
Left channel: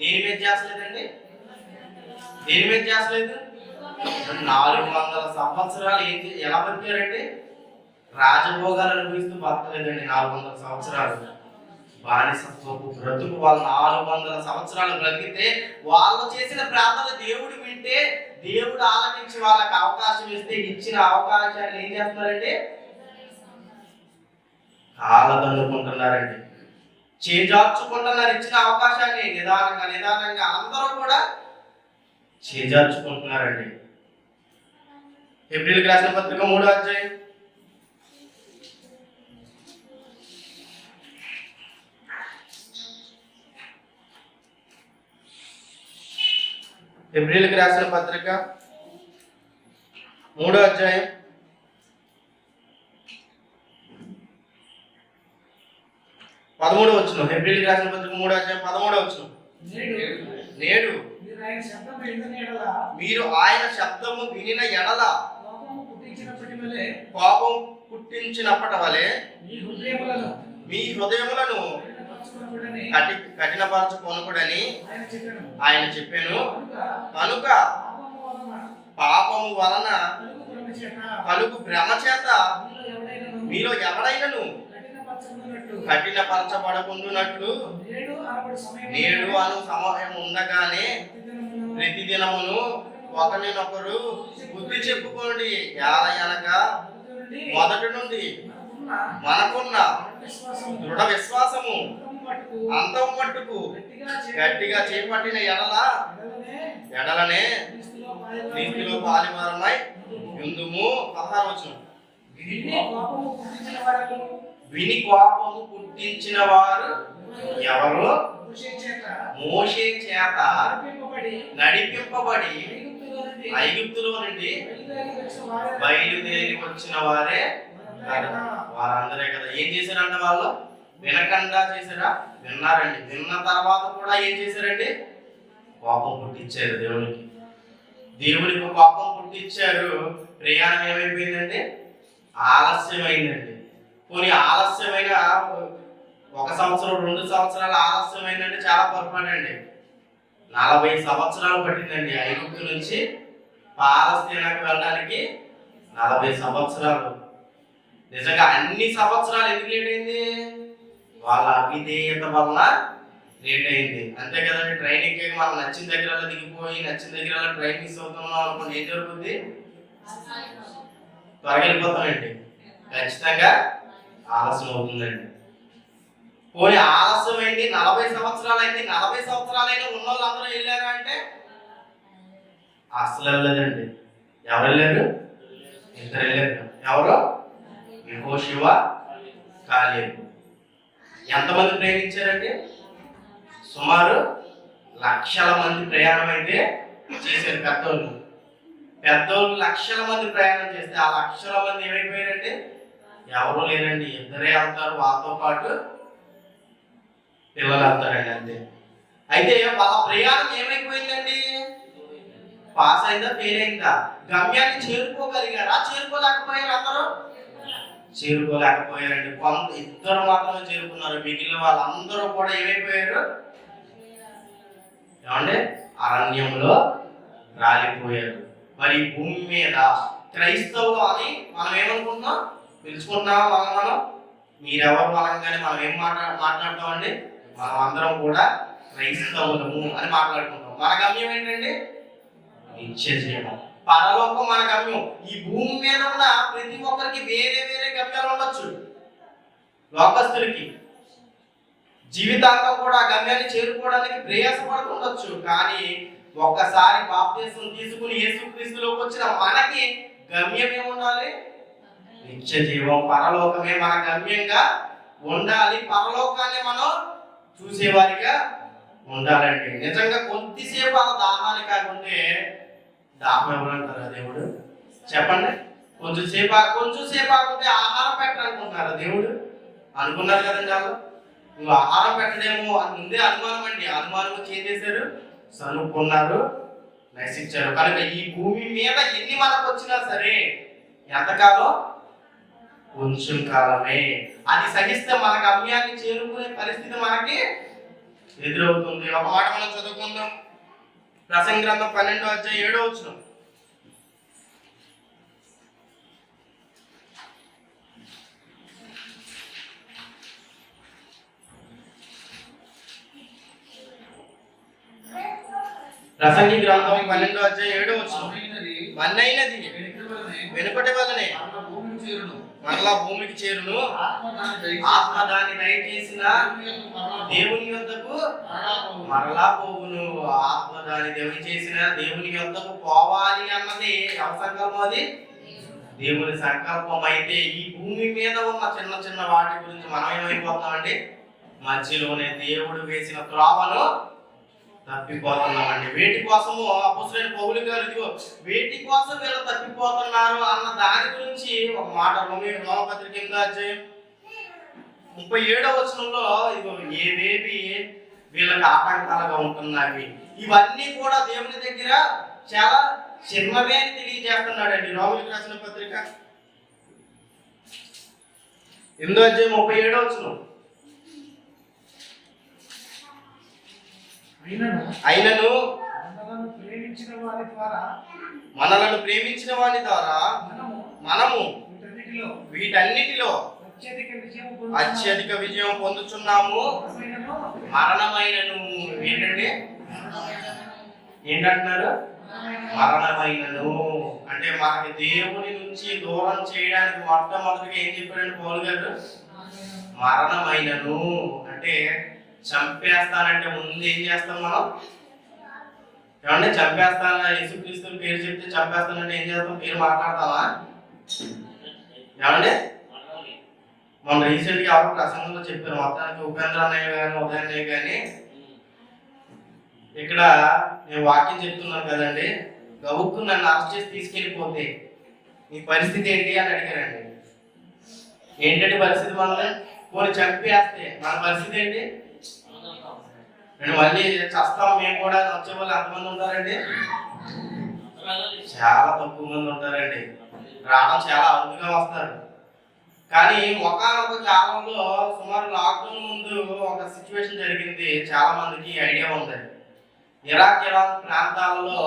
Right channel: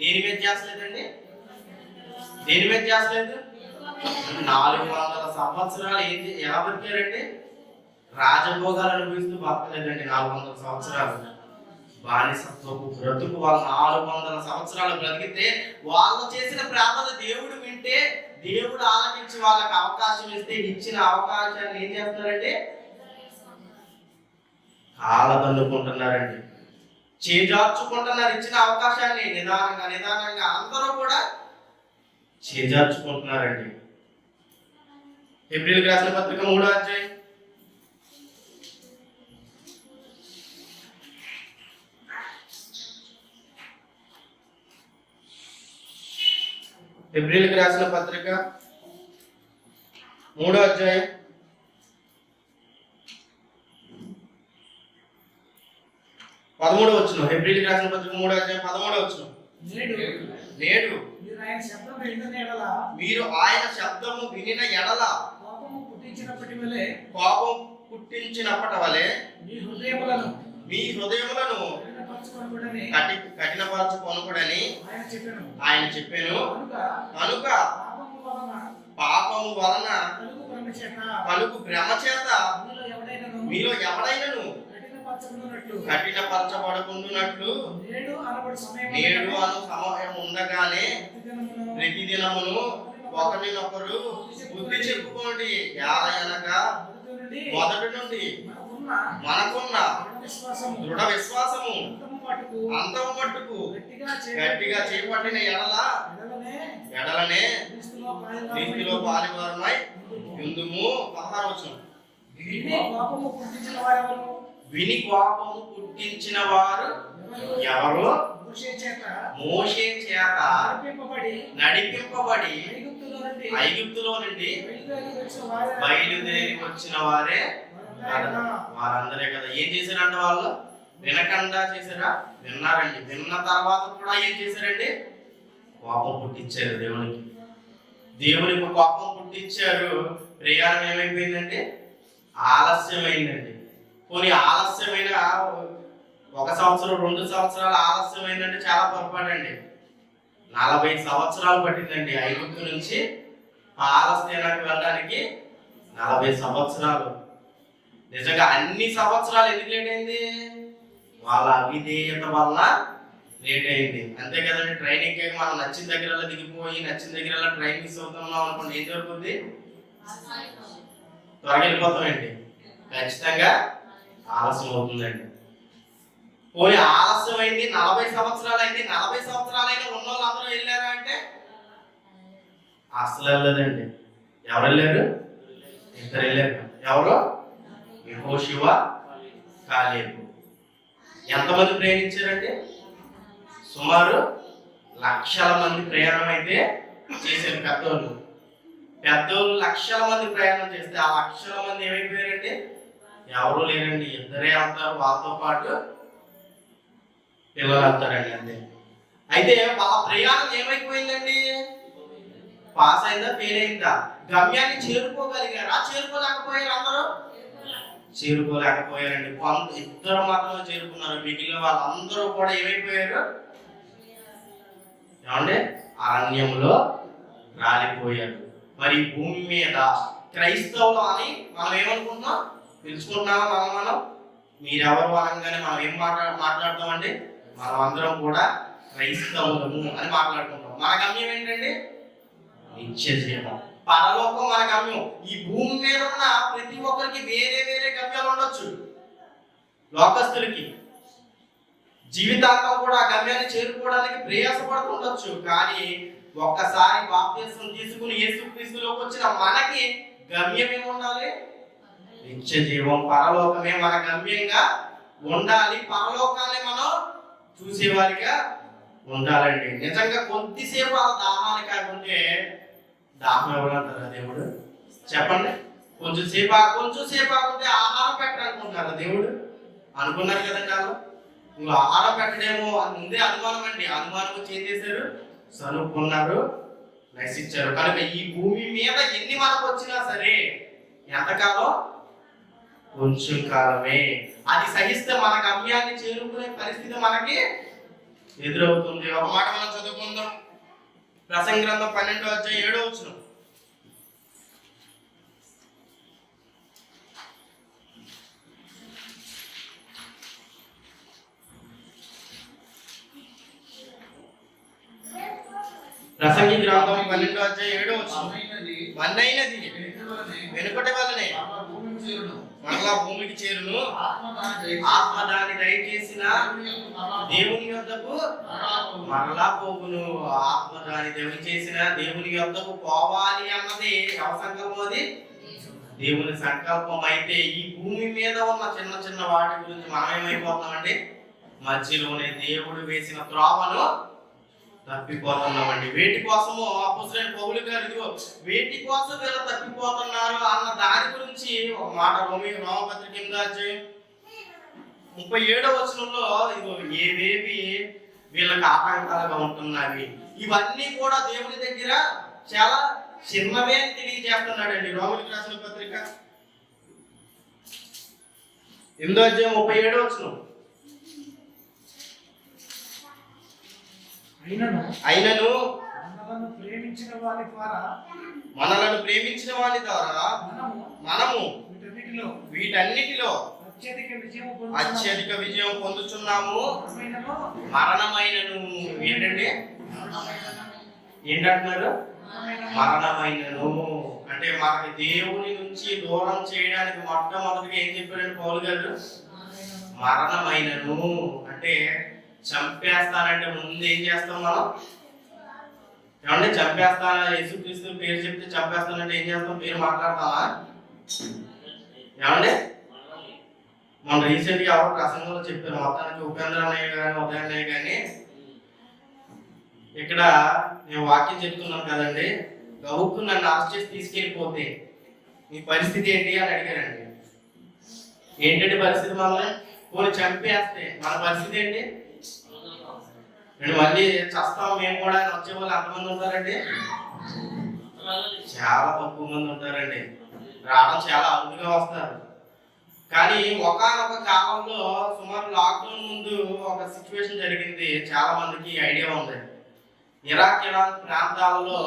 దేని మీద ధ్యాస లేదండి. దేని మీద ధ్యాస లేదు. 400 సంవత్సరాలు ఎలా బతికారండి? రాజభోగాలు అనుభవిస్తూ బతకలేదండి. 400 సంవత్సరాలు బానిసత్వపు బ్రతుకు. వాళ్ళు 400 సంవత్సరాలు బ్రతికితే వాళ్ళు చేసిన ప్రార్థన దేవుడు వింటే, దేవుడు ఆలకించి వాళ్ళకి అవకాశం ఇస్తే, ఇచ్చిన అవకాశాన్ని ఏం చేస్తున్నారండి? కాలదన్నుకుంటున్నారండి, చేజార్చుకుంటున్నారు. ఇచ్చిన అవకాశాన్ని నిదానంగా అందరూ కూడా చేజార్చుకుంటున్నారండి. ఏప్రిల్కి రాసిన పత్రిక 3వ అధ్యాయం ఏప్రిల్కి రాసిన పత్రిక 3వ అధ్యాయం 13వ వచనం. ఏప్రిల్కి రాసిన పత్రిక 3వ అధ్యాయం 13వ వచనం. నేడు మీరు ఆయన శబ్దము వినిన ఎడల కోపం పుట్టించినప్పటి వలె మీ హృదయములను కఠినపరచుకొనకూడని ఆయన చెప్పాను. కనుక పాపము వలన కలుగు భ్రమ చేత మీలో ఎవడైనను కఠినపరచబడకుండునట్లు నేడు అను సమయం ఉండగానే ప్రతిదినమును ఒకరినొకరు బుద్ధి చెప్పుకోండి. అనగా మొదటి నుండి మనకున్న దృఢ విశ్వాసము అంతం మట్టుకు గట్టిగా చేపట్టిన ఎడలనే నీతిలో పాలివారమై యుందుము. 16వ వచనం. విని కోపము పుట్టించిన వారు ఎవరు? మోషే చేత నడిపింపబడి ఐగుప్తులో నుండి బయలుదేరి వచ్చిన వారే వారందరే కదా. ఏం చేశారంట వాళ్ళు? వినకుండా చేశారా? విన్నారండి. విన్న తర్వాత కూడా ఏం చేశారండి? కోపం పుట్టించారు దేవునికి కోపం పుట్టించారు. ప్రయాణం ఏమైపోయిందండి? ఆలస్యమైందండి. కొన్ని ఆలస్యమైన 1 సంవత్సరం 2 సంవత్సరాలు ఆలస్యమైందంటే చాలా పొరపాటండి. 40 సంవత్సరాలు పట్టిందండి ఐగుప్తు నుంచి పాలస్తీనాకు వెళ్ళడానికి. 40 సంవత్సరాలు. నిజంగా అన్ని సంవత్సరాలు ఎందుకు లేట్ అయింది? వాళ్ళ అవిధేయత వల్ల లేట్ అయింది. అంతే కదండి. ట్రైన్ ఎక్కాక మనం నచ్చిన దగ్గర దిగిపోయి నచ్చిన దగ్గర ట్రైన్ మిస్ అవుతున్నాం అనుకోండి, ఏం జరుగుతుంది? త్వరగా వెళ్ళిపోతామండి. ఖచ్చితంగా ఆలస్యం అవుతుందండి. పోయి ఆలస్యమైంది. 40 సంవత్సరాలు అయింది. 40 సంవత్సరాలైనా ఉన్న వాళ్ళు అందరూ వెళ్ళారా అంటే అసలు వెళ్ళలేదండి. ఎవరు వెళ్ళారు? 2 వెళ్ళారు. ఎవరు? యెహోషువ, కాలేబు. ఎంతమంది ప్రయాణించారండి? సుమారు లక్షల మంది ప్రయాణం అయితే చేశారు. పెద్దోళ్ళు లక్షల మంది ప్రయాణం చేస్తే ఆ లక్షల మంది ఏమైపోయారండి? ఎవరు లేరండి. 2 వెళ్తారు. వాళ్ళతో పాటు పిల్లలు వెళ్తారండి. అంతే. అయితే వాళ్ళ ప్రయాణం ఏమైపోయిందండి? పాస్ అయిందా? ఫెయిల్ అయిందా? గమ్యాన్ని చేరుకోగలిగారా? చేరుకోలేకపోయారు. అందరూ చేరుకోలేకపోయారండి. 2 మాత్రమే చేరుకున్నారు. మిగిలిన వాళ్ళందరూ కూడా ఏమైపోయారు? ఏమండి? అరణ్యంలో రాలిపోయారు. మరి భూమి మీద క్రైస్తవులు అని మనం ఏమనుకుంటున్నాం? పిలుచుకుంటున్నాం. మనం మీరెవరు అనగానే మనం ఏం మాట్లాడతామండి? మనం అందరం కూడా క్రైస్తవులము అని మాట్లాడుకుంటాం. మన గమ్యం ఏంటండి? నిత్య జీవం, పరలోకం మన గమ్యం. ఈ భూమి మీద ఉన్న ప్రతి ఒక్కరికి వేరే వేరే గమ్యాలు ఉండొచ్చు. లోకస్తులకి జీవితాంతం కూడా గమ్యాన్ని చేరుకోవడానికి ప్రయాసపడుతుండొచ్చు. కానీ ఒక్కసారి బాప్తిసం తీసుకుని యేసుక్రీస్తులోకి వచ్చిన మనకి గమ్యం ఏముండాలి? నిత్య జీవం, పరలోకమే మన గమ్యంగా ఉండాలి. పరలోకాన్ని మనం చూసేవారిగా ఉండాలండి. నిజంగా కొద్దిసేపు ఆ దాహాన్ని కాకుంటే దాహం ఎవరంటారా దేవుడు? చెప్పండి. కొంచెంసేపు ఆకుంటే ఆహారం పెట్టాలనుకుంటున్నారా దేవుడు? అనుకున్నారు కదండి. వాళ్ళు నువ్వు ఆహారం పెట్టడేమో అని ముందే అనుమానం అండి. అనుమానం వచ్చి ఏం చేశారు? సనుక్కున్నారు, నశించారు. కనుక ఈ భూమి మీద ఎన్ని మనకు వచ్చినా సరే ఎంతకాలం? కొంచెం కాలమే. అది సహిస్తే మన గమ్యాన్ని చేరుకునే పరిస్థితి మనకి ఎదురవుతుంది. ఒక మాట మనం చదువుకుందాం. ప్రసంగి గ్రంథం 12వ అధ్యాయం 7వ వచనం. ప్రసంగి గ్రంథం 12వ అధ్యాయం 7వ వచనం. మన్నైనది వెనుకటి వలనే మరలా భూమికి చేరును. ఆత్మ దాన్ని దయచేసిన దేవుని యొద్దకు మరలా పోగును. ఆత్మ దాన్ని దయచేసిన దేవుని యొద్దకు పోవాలి అన్నది ఎవరి సంకల్పం? అది దేవుని సంకల్పం. అయితే ఈ భూమి మీద ఉన్న చిన్న చిన్న వాటి గురించి మనం ఏమైపోతామండి? మధ్యలోనే దేవుడు వేసిన త్రోవను తప్పిపోతున్నామండి. వేటి కోసము అపొస్తలుడైన పౌలు గారు ఇదిగో వేటి కోసం వీళ్ళు తప్పిపోతున్నారు అన్న దాని గురించి ఒక మాట రోమపత్రిక 8వ అధ్యాయం 37వ వచనంలో ఇదిగో ఏవేవి వీళ్ళకి ఆటంకాలుగా ఉంటున్నాయి, ఇవన్నీ కూడా దేవుని దగ్గర చాలా చిన్నవే అని తెలియజేస్తున్నాడండి. రోమీయులకు రాసిన పత్రిక 8వ అధ్యాయం 37వ వచనం. అయినను మనలను ప్రేమించిన వారి ద్వారా మనము వీటన్నిటిలో అత్యధిక విజయం పొందుచున్నాము. మరణమైనను ఏంటండి? ఏంటంటున్నారు? మరణమైనను అంటే మనకి దేవుని నుంచి దూరం చేయడానికి మొట్టమొదటిగా ఏం చెప్పాడండి పౌలు గారు? మరణమైనను అంటే చంపేస్తానంటే ముందు ఏం చేస్తాం మనం? ఏమంటే చంపేస్తానా? యేసుక్రీస్తు పేరు చెప్తే చంపేస్తానంటే ఏం చేస్తాం? పేరు మాట్లాడతామా? ఏమండి మన రీసెంట్గా ఎవరు ప్రసంగంలో చెప్పారు, మొత్తానికి ఉపేంద్ర అన్నయ్య కానీ ఉదయ అన్నయ్య కానీ ఇక్కడ నేను వాక్యం చెప్తున్నాను కదండి, గబుక్కు నన్ను అరెస్ట్ చేసి తీసుకెళ్ళిపోతే మీ పరిస్థితి ఏంటి అని అడిగారండి. ఏంటంటే పరిస్థితి మనల్ని పోనీ చంపేస్తే మన పరిస్థితి ఏంటి? నేను మళ్ళీ చస్తాం మేము కూడా వచ్చే వాళ్ళు ఎంతమంది ఉంటారండి? చాలా తక్కువ మంది ఉంటారండి. రావడం చాలా అరుదుగా వస్తారు. కానీ ఒకానొక కాలంలో సుమారు లాక్డౌన్ ముందు ఒక సిచ్యువేషన్ జరిగింది, చాలా మందికి ఐడియా ఉంది. ఇరాన్ ప్రాంతాలలో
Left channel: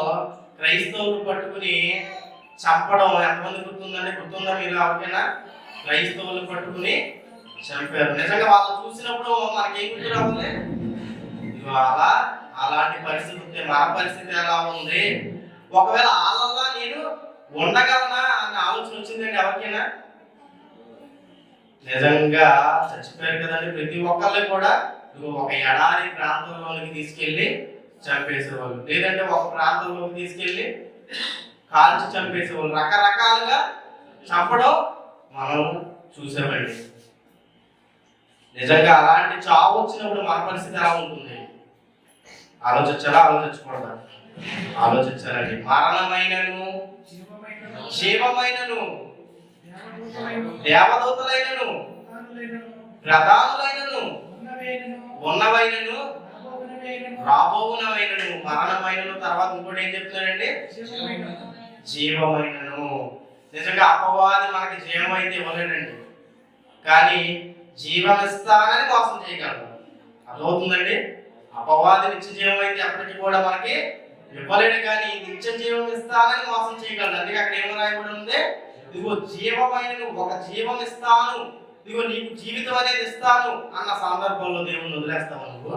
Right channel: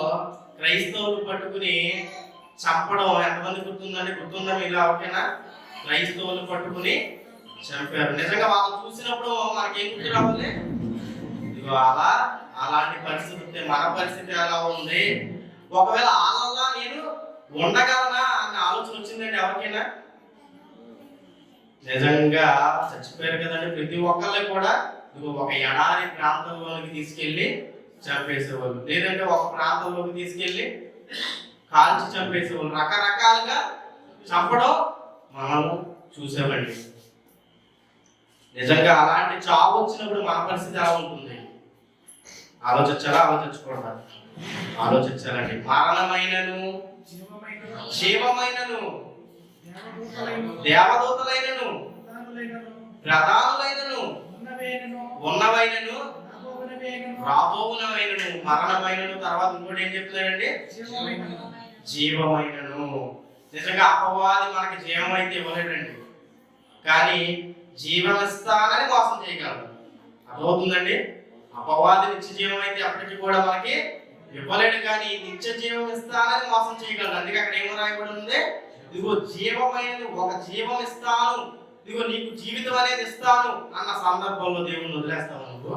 క్రైస్తవులు పట్టుకుని చంపడం ఎంతమంది గుర్తుందండి? గుర్తుందా మీరు ఎవరికైనా? క్రైస్తవులు పట్టుకుని చంపారు. నిజంగా వాళ్ళు చూసినప్పుడు మనకేం గుర్తు రావాలి? అలా అలాంటి పరిస్థితి మన పరిస్థితి ఎలా ఉంది? ఒకవేళ వాళ్ళలా నేను ఉండగలనా అన్న ఆలోచన వచ్చిందండి ఎవరికైనా? నిజంగా చచ్చిపోయారు కదండి. ప్రతి ఒక్కళ్ళు కూడా ఒక ఎడారి ప్రాంతంలోనికి తీసుకెళ్లి చంపేసేవాళ్ళు, లేదంటే ఒక ప్రాంతంలోకి తీసుకెళ్లి కాల్చి చంపేసేవాళ్ళు. రకరకాలుగా చంపడం మనం చూసామండి. నిజంగా అలాంటి చావు వచ్చినప్పుడు మన పరిస్థితి ఎలా ఉంటుంది? ఆలోచించాలా? ఆలోచించకూడదా? ఆలోచించాలండి. మరణమైనను జీవమైనను దేవదూతలైనను ప్రధానులైనను ఉన్నవైనను రాబోవునవైనను మరణమైనను తర్వాత ఇంకోటి ఏం చెప్తున్నాడండి? జీవమైనను. నిజంగా అపవాది మనకి జీవం అయితే ఇవ్వలేడండి, కానీ జీవం ఇస్తానని మోసం చేయగలడు. అర్థమవుతుందండి? అపవాది నిత్య జీవం అయితే ఎప్పటికీ కూడా మనకి ఇవ్వలేడు, కానీ నిత్య జీవం ఇస్తానని మోసం చేయగలడు. అందుకే అక్కడ ఏమో రాయబడి ఉంది, ఇదిగో జీవమైనను ఒక జీవం ఇస్తాను, ఇదిగో నీకు జీవితం అనేది ఇస్తాను అన్న సందర్భంలో దేవుణ్ణి వదిలేస్తావా? నువ్వు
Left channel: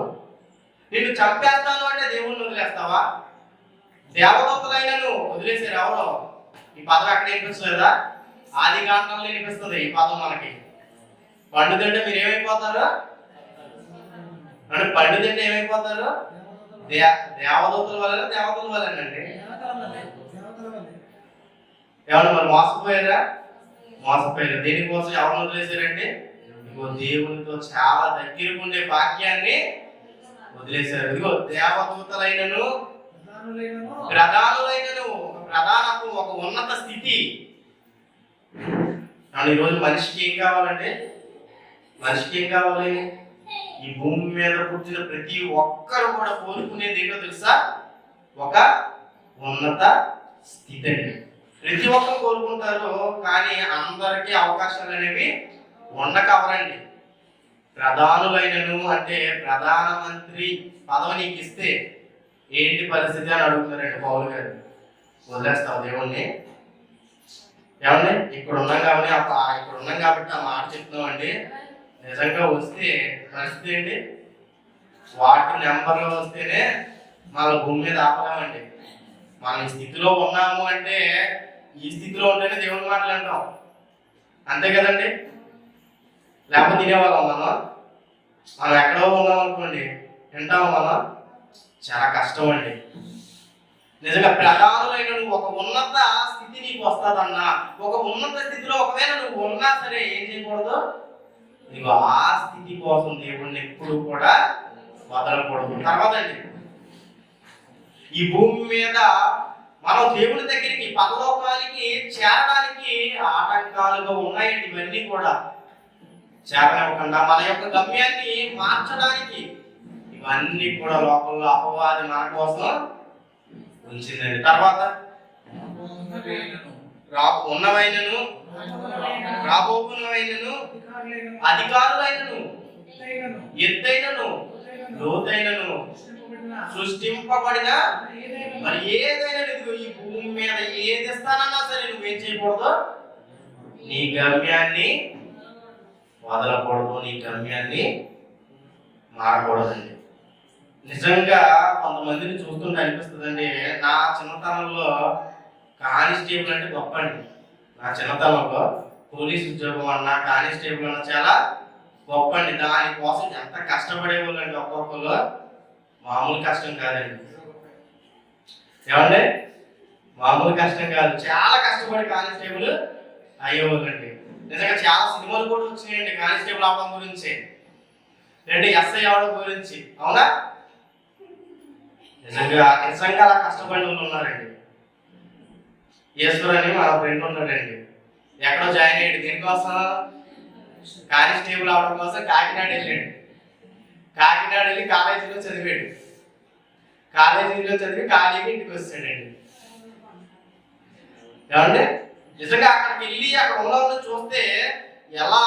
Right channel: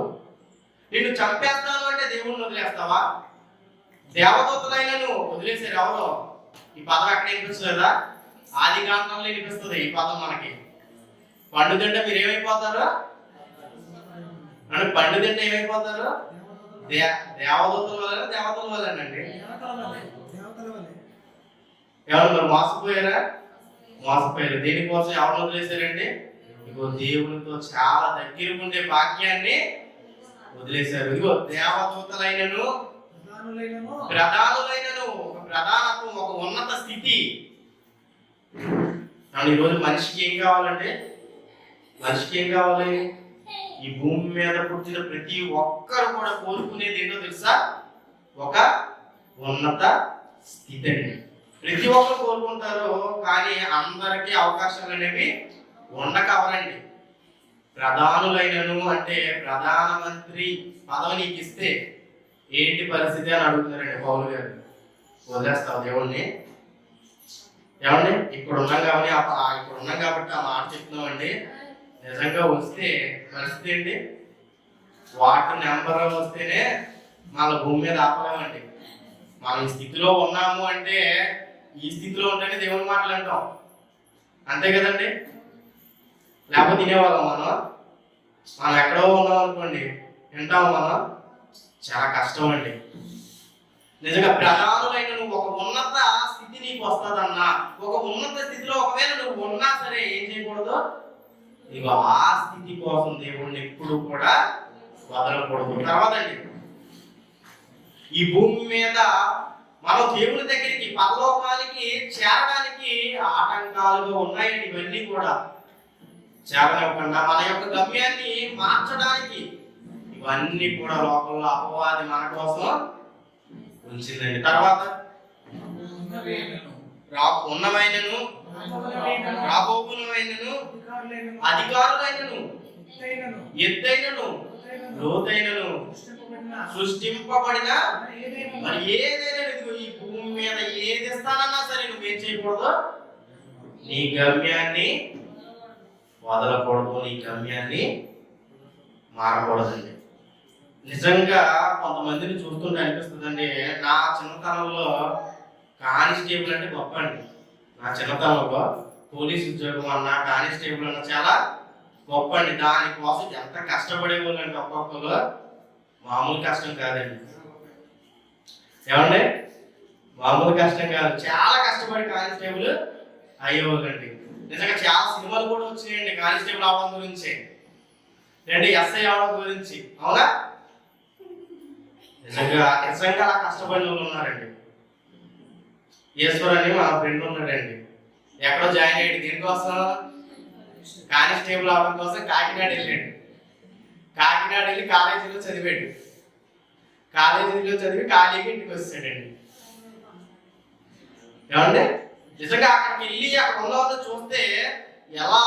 నిన్ను చంపేస్తాను అంటే దేవుణ్ణి వదిలేస్తావా? దేవదూతలైనను వదిలేసారు ఎవరో. ఈ పదం ఎక్కడ వినిపిస్తలేదా? ఆది కాండంలో వినిపిస్తుంది ఈ పదం మనకి. పండు తింటే మీరు ఏమైపోతారు అంటే? పండు తింటే ఏమైపోతారు? దేవదూతల వల్ల దేవతల వల్లేనండి. ఎవరు మరి మోసపోయారా? మోసపోయారు. దేనికోసం ఎవరు వదిలేశారండి? ఇదిగో దేవునితో చాలా దగ్గరకు ఉండే భాగ్యాన్ని వదిలేశారు. ఇదిగో దేవదూతలైనను ప్రధానులైనను ఒక ప్రధానత్వం, ఒక ఉన్నత స్థితి. ఈరోజు మనిషికి ఏం కావాలంటే? మనిషికి ఏం కావాలి? ఈ భూమి మీద పుట్టిన ప్రతి ఒక్కరు కూడా కోరుకునేది ఏంటో తెలుసా? ఒక ఉన్నత స్థితి అండి. ప్రతి ఒక్కరు కోరుకుంటారు, కానీ అందరికీ అవకాశాలు అనేవి ఉండకవరండి. ప్రధానులైనను అంటే ప్రధానమంత్రి పదవి నీకు ఇస్తే ఏంటి పరిస్థితి అని అడుగుతున్నారండి పౌలు గారు. వదిలేస్తావు దేవుణ్ణి? ఏమండి ఇక్కడ ఉన్నాం కాబట్టి ఆ మాట చెప్తున్నామండి. నిజంగా వస్తే పరిస్థితి ఏంటి? వాటర్ నెంబర్ వస్తేనే మన భూమి మీద ఆపలేమండి. మనం ఈ స్థితిలో ఉన్నాము అంటే ఈ స్థితిలో ఉంటేనే దేవుని మాటలు అంటాం, అంతే కదండి? లేకపోతే తినేవాళ్ళం మనం ఎక్కడో ఉన్నాం అనుకోండి, వింటాము మనం? చాలా కష్టం అండి. నిజంగా ప్రధానులైన నువ్వు ఒక ఉన్నత స్థితి నీకు వస్తుందన్నా, ఒక ఉన్నత స్థితిలో ఒకవేళ నువ్వు ఉన్నా సరే ఏం చేయకూడదు? నీకు ఆ స్థితి కోసం దేవుణ్ణి ఎప్పుడు కూడా వదలకూడదు. తర్వాత అండి, ఈ భూమి మీద మనం దేవుని దగ్గరికి పరలోకానికి చేరడానికి ఆటంకాలుగా ఉన్నాయండి. ఇవన్నీ కూడా చేరనివ్వకుండా మన యొక్క గమ్యాన్ని మార్చడానికి ఇవన్నీ కూడా లోకంలో అపవాది మన కోసం ఉంచిందండి. తర్వాత ఉన్నవైనను రాబోగునవైనను అధికారులైనను ఎత్తైనను లోతైనను సృష్టింపబడిన మరి ఏదైనా ఈ భూమి మీద ఏది ఇస్తానన్నా సరే నువ్వేం చేయకూడదు? నీ గమ్యాన్ని వదలకూడదు, నీ గమ్యాన్ని మారకూడదండి. నిజంగా కొంతమందిని చూస్తుంటే అనిపిస్తుందండి, నా చిన్నతనంలో కానిస్టేబుల్ అంటే గొప్ప అండి. నా చిన్నతనంలో పోలీస్ ఉద్యోగం అన్నా కానిస్టేబుల్ అన్నా చాలా గొప్ప అండి. దానికోసం ఎంత కష్టపడేవాళ్ళు అండి, ఒక్కొక్కరు మామూలు కష్టం కాదండి. ఏమండి, మామూలు కష్టం కాదు, చాలా కష్టపడి కానిస్టేబుల్ అయ్యేవాళ్ళండి. నిజంగా చాలా సినిమాలు కూడా వచ్చినాయండి కానిస్టేబుల్ అవడం గురించి, లేదంటే ఎస్ఐ అవడం గురించి. అవునా? నిజంగా అలా కష్టపడిన వాళ్ళు ఉన్నారండి. ఈశ్వర్ అని మా ఫ్రెండ్ ఉన్నాడండి, ఎక్కడో జాయిన్ అయ్యాడు. దేనికోసం? కానిస్టేబుల్ అవడం కోసం కాకినాడ వెళ్ళాడు. కాకినాడ వెళ్ళి కాలేజీలో చదివాడు. కాలేజీలో చదివి ఖాళీగా ఇంటికి వచ్చాడండి. ఏమంటే నిజంగా అక్కడికి వెళ్ళి అక్కడ ఉన్న వాళ్ళని చూస్తే ఎలా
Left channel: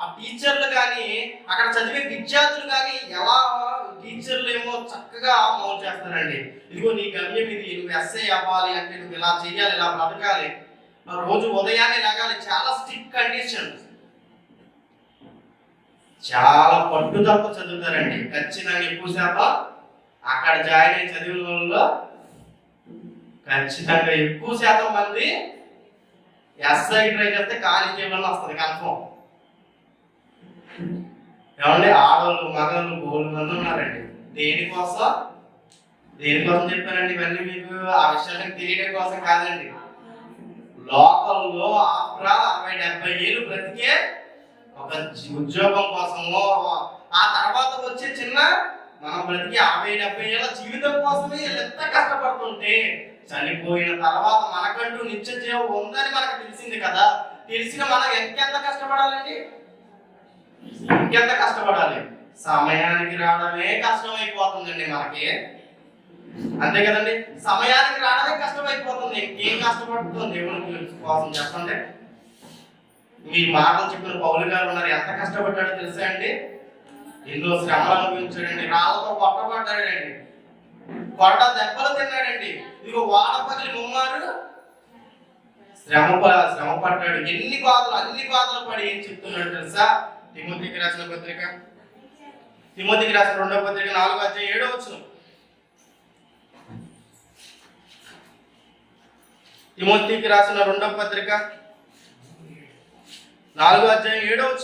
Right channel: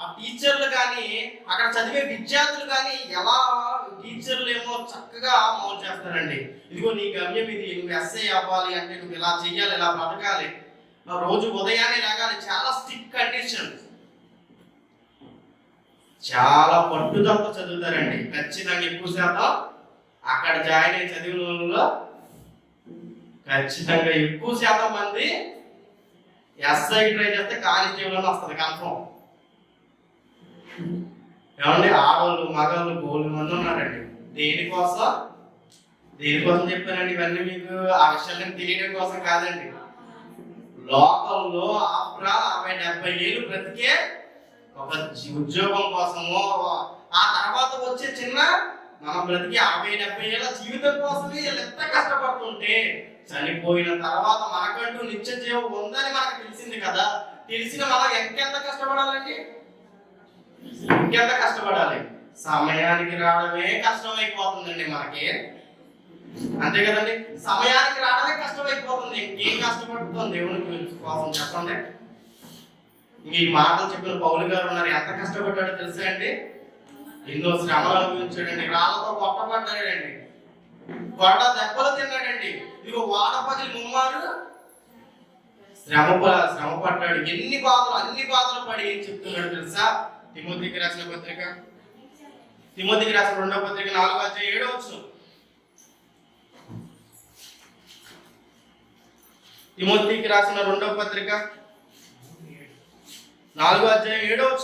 ఆ టీచర్లు కానీ అక్కడ చదివే విద్యార్థులు కానీ ఎలా టీచర్లు ఏమో చక్కగా మౌలు చేస్తారండి. ఇదిగో నీ గమ్యం ఇది, నువ్వు ఎస్ఐ అవ్వాలి అంటే నువ్వు ఇలా చెయ్యాలి, ఇలా బ్రతకాలి, రోజు ఉదయాన్నే లాగాలి. చాలా స్ట్రిక్ట్ కండిషన్స్, చాలా పట్టుదలతో చదువుతారండి. ఖచ్చితంగా ఎక్కువ శాతం అక్కడ జాయిన్ అయ్యి చదివిన వాళ్ళలో ఖచ్చితంగా ఎక్కువ శాతం మంది ఎస్ఐ ట్రై చేస్తే కానిస్టేబుల్ అని వస్తుంది కన్ఫర్మ్. ఏమండి, ఆడవాళ్ళు మగవాళ్ళు బోలు మంది ఉన్నారండి. దేనికోసం చెప్పానండి ఇవన్నీ మీకు? ఆ విషయాలను తెలియడం కోసం కాదండి. లోకల్లో ఆఫ్టర్ 60-70 ఏళ్ళు బ్రతికే ఒక ఉద్యోగం కోసమో, ఆ తర్వాత వచ్చే చిన్న మనం బ్రతికి 60-70 ఏళ్ళ జీవితం కోసమే వీళ్ళు ఎంత కష్టపడుతుంటే, చనిపోయిన తర్వాత మనకంటూ నిత్య జీవం ఉందని మనకు తెలిసింది కదా. తెలిసిన మనం ఇంకెంత కష్టపడాలండి? ఇంకెంత కష్టపడాలి? సమయానికి రావడమే కష్టమైపోతుందండి మనకి, అంతే కదండి? సమయానికి రావడమే కష్టమైపోతుంది. ఇంకేం కష్టపడుతుంది దేవుని కోసం చెప్పండి. ఈ మాటలు చెప్పిన పౌలు గారు ఉన్నారు, ఎంత కష్టపడ్డాడో తెలుసా అండి? ఎన్నో శ్రమలు అనుభవించాడండి, రాళ్లతో కొట్టబడ్డాడండి, కొట్ట దెబ్బలు తిన్నాడండి. ఇదిగో వాడపగిలి ముమ్మారు శ్రమ పడ్డాడు. అన్ని బాధలు పడి ఏం చెప్తున్నాడు తెలుసా? తిమోతికి రాసిన 2వ పత్రిక 4:7. తిమోతికి రాసిన 2వ పత్రిక 4:7.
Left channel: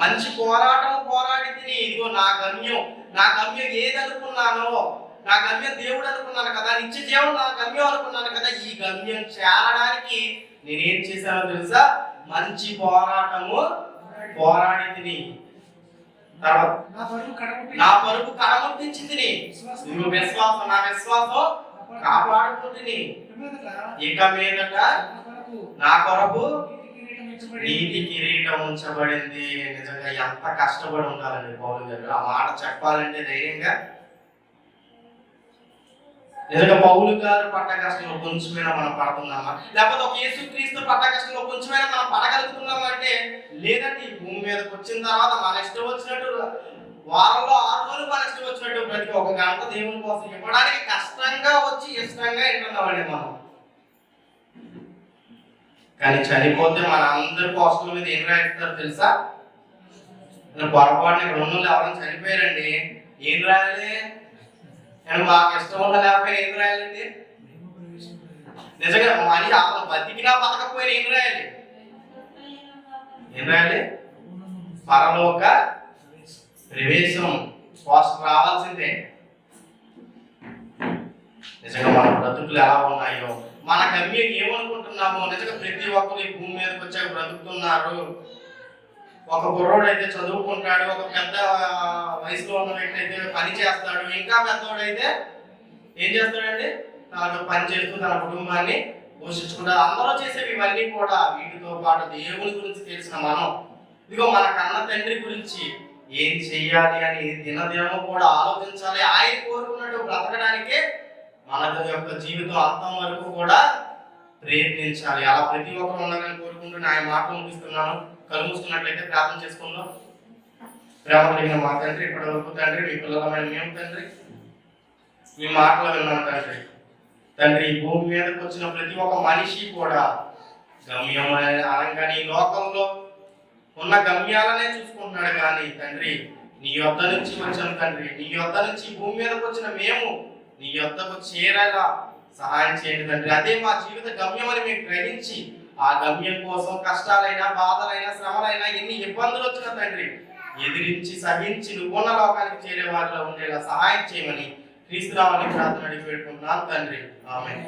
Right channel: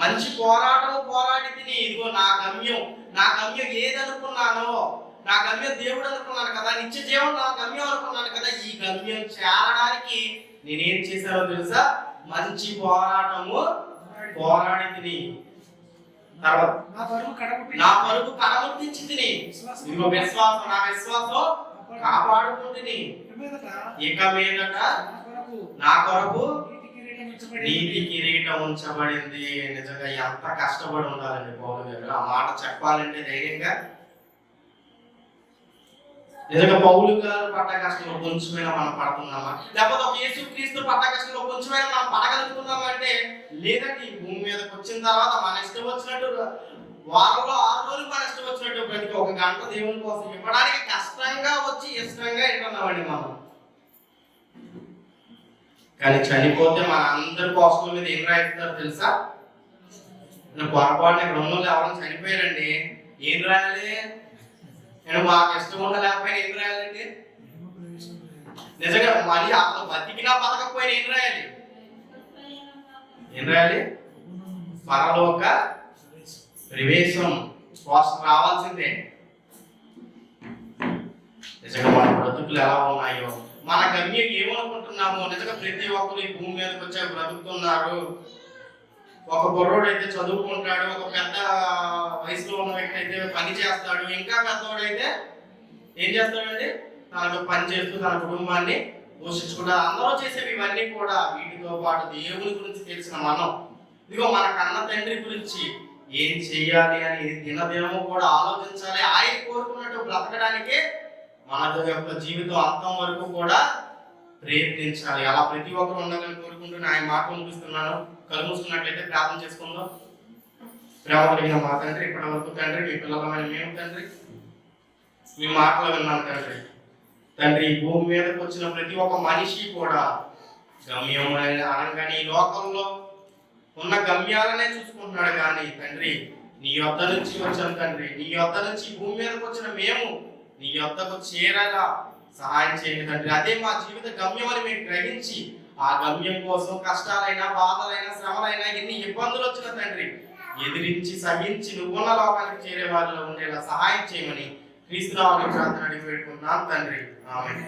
మంచి పోరాటం పోరాడి తిని, ఇదిగో నా గమ్యం ఏదనుకున్నానో, నా గమ్యం దేవుడు అనుకున్నాను కదా, నిత్య జీవం నా గమ్యం అనుకున్నాను కదా, ఈ గమ్యం చేరడానికి నేనేం చేశానో తెలుసా? మంచి పోరాటము పోరాడి తిని, తర్వాత నా పరుగు కడముట్టించి తిని, ఇదిగో నా విశ్వాసం కాపాడుకుంటుని, ఇక మీదట నా కొరకు నీతి కిరీటం ఉంచబడింది. నిజంగా ఎంత కష్టపడి ఉండాలండి పౌలు గారు. ఆ మాట చెప్పాలంటే ధైర్యంగా. నిజంగా పౌలు గారు పడ్డ కష్టంలో కొంచెమైనా మనం పడుతున్నామా? లేకపోతే ఒక యేసుక్రీస్తు పడ్డ కష్టంలో కొంచెమైనా మనం పడగలుగుతున్నామా అంటే లేదండి. ఈ భూమి మీదకి వచ్చిన తర్వాత మన ఇష్టం వచ్చినట్టు వారంలో 6 రోజులు మన ఇష్టం వచ్చినట్టు ప్రతి 1 గంట దేవుని కోసం ఇవ్వడానికి కష్టంగా వచ్చి ఇష్టంగా వింటున్నామండి మనం. కానీ చనిపోతే మన అందరి పోస్టుల మీద ఏం రాయిస్తారు తెలుసా? పొరపాటున ఇక్కడ ఉన్న వాళ్ళు ఎవరైనా చనిపోయారండి, ఏం రాయాలి? నేను మాకు ఇష్టం ఉన్న లేకపోయినా ఏం రాయాలండి? నిజంగా మనిషి అసలు బతికినా బతకపోయినా ఏం రాయాలి? పరలోక ప్రవేశం పోస్ట్ రావాల్సిందే. నిజంగా మన బ్రతుకులు ఎలా ఉన్నాయో, మన గమ్యం ఏమనుకుంటున్నామో. నిజంగా ప్రతి ఒక్కరు ఈ భూమి మీదకి వచ్చాక బ్రతుకుతున్నారు. ఒక కుర్రోడు అయితే చదువుకుంటాడు, ఒక పెద్ద వయసులో ఉన్న వ్యక్తి అయితే పని చేస్తాడు, ఇంకా పెద్దవాడైతే ఏం చేస్తాడండి? తనకు పని చేస్తూ తన కుటుంబాన్ని పోషించుకుంటారు. అందరూ చేసేవి ఇవన్నీ కూడా. వీటితో పాటు దేవుని గురించి తెలిసిన మనం, ఇదిగో మన కన్న తండ్రి గురించి ఏం చెయ్యాలి అని దినదినము కూడా ఆలోచించాలి. ఆయన కోరుకున్నట్టు బ్రతకడానికే మన యొక్క జీవితం అంతం వరకు కూడా ప్రయత్నించాలి. అలా ప్రతి ఒక్కరు ఉండాలని కోరుకుంటూ ఆయన మాటలు ముగిస్తున్నాను. కళ్ళు మూసుకున్నట్లయితే ప్రార్థన చేసుకుందాం. ప్రేమ కలిగిన మా తండ్రి, ఇప్పటి వరకు తండ్రి మీ పిల్లలమైన మేము తండ్రి మీ మాటలు విన్నాం తండ్రి. ఈ భూమి మీదకి వచ్చిన ప్రతి ఒక్క మనిషి కూడా గమ్యం అనగానే ఈ లోకంలో ఉన్న గమ్యాలనే చూసుకుంటున్నాడు. కానీ తండ్రి, నీ యొద్ద నుంచి వచ్చాం తండ్రి, నీ యొద్ద నుంచి భూమి మీదకి వచ్చిన మేము నీ యొద్దకు చేరేలా సహాయం చేయండి తండ్రి. అదే మా జీవిత గమ్యం అని మేము గ్రహించి ఆ గమ్యం కోసం కష్టాలైనా, బాధలైనా, శ్రమలైనా, ఎన్ని ఇబ్బందులు వచ్చినా తండ్రి ఎదిరించి సహించి నువ్వున్న లోకానికి చేరే వారిలో ఉండేలా సహాయం చేయమని క్రీస్తునామమున ప్రార్థన అడిగి పెట్టుకుంటున్నాను తండ్రి. ఆమేన్.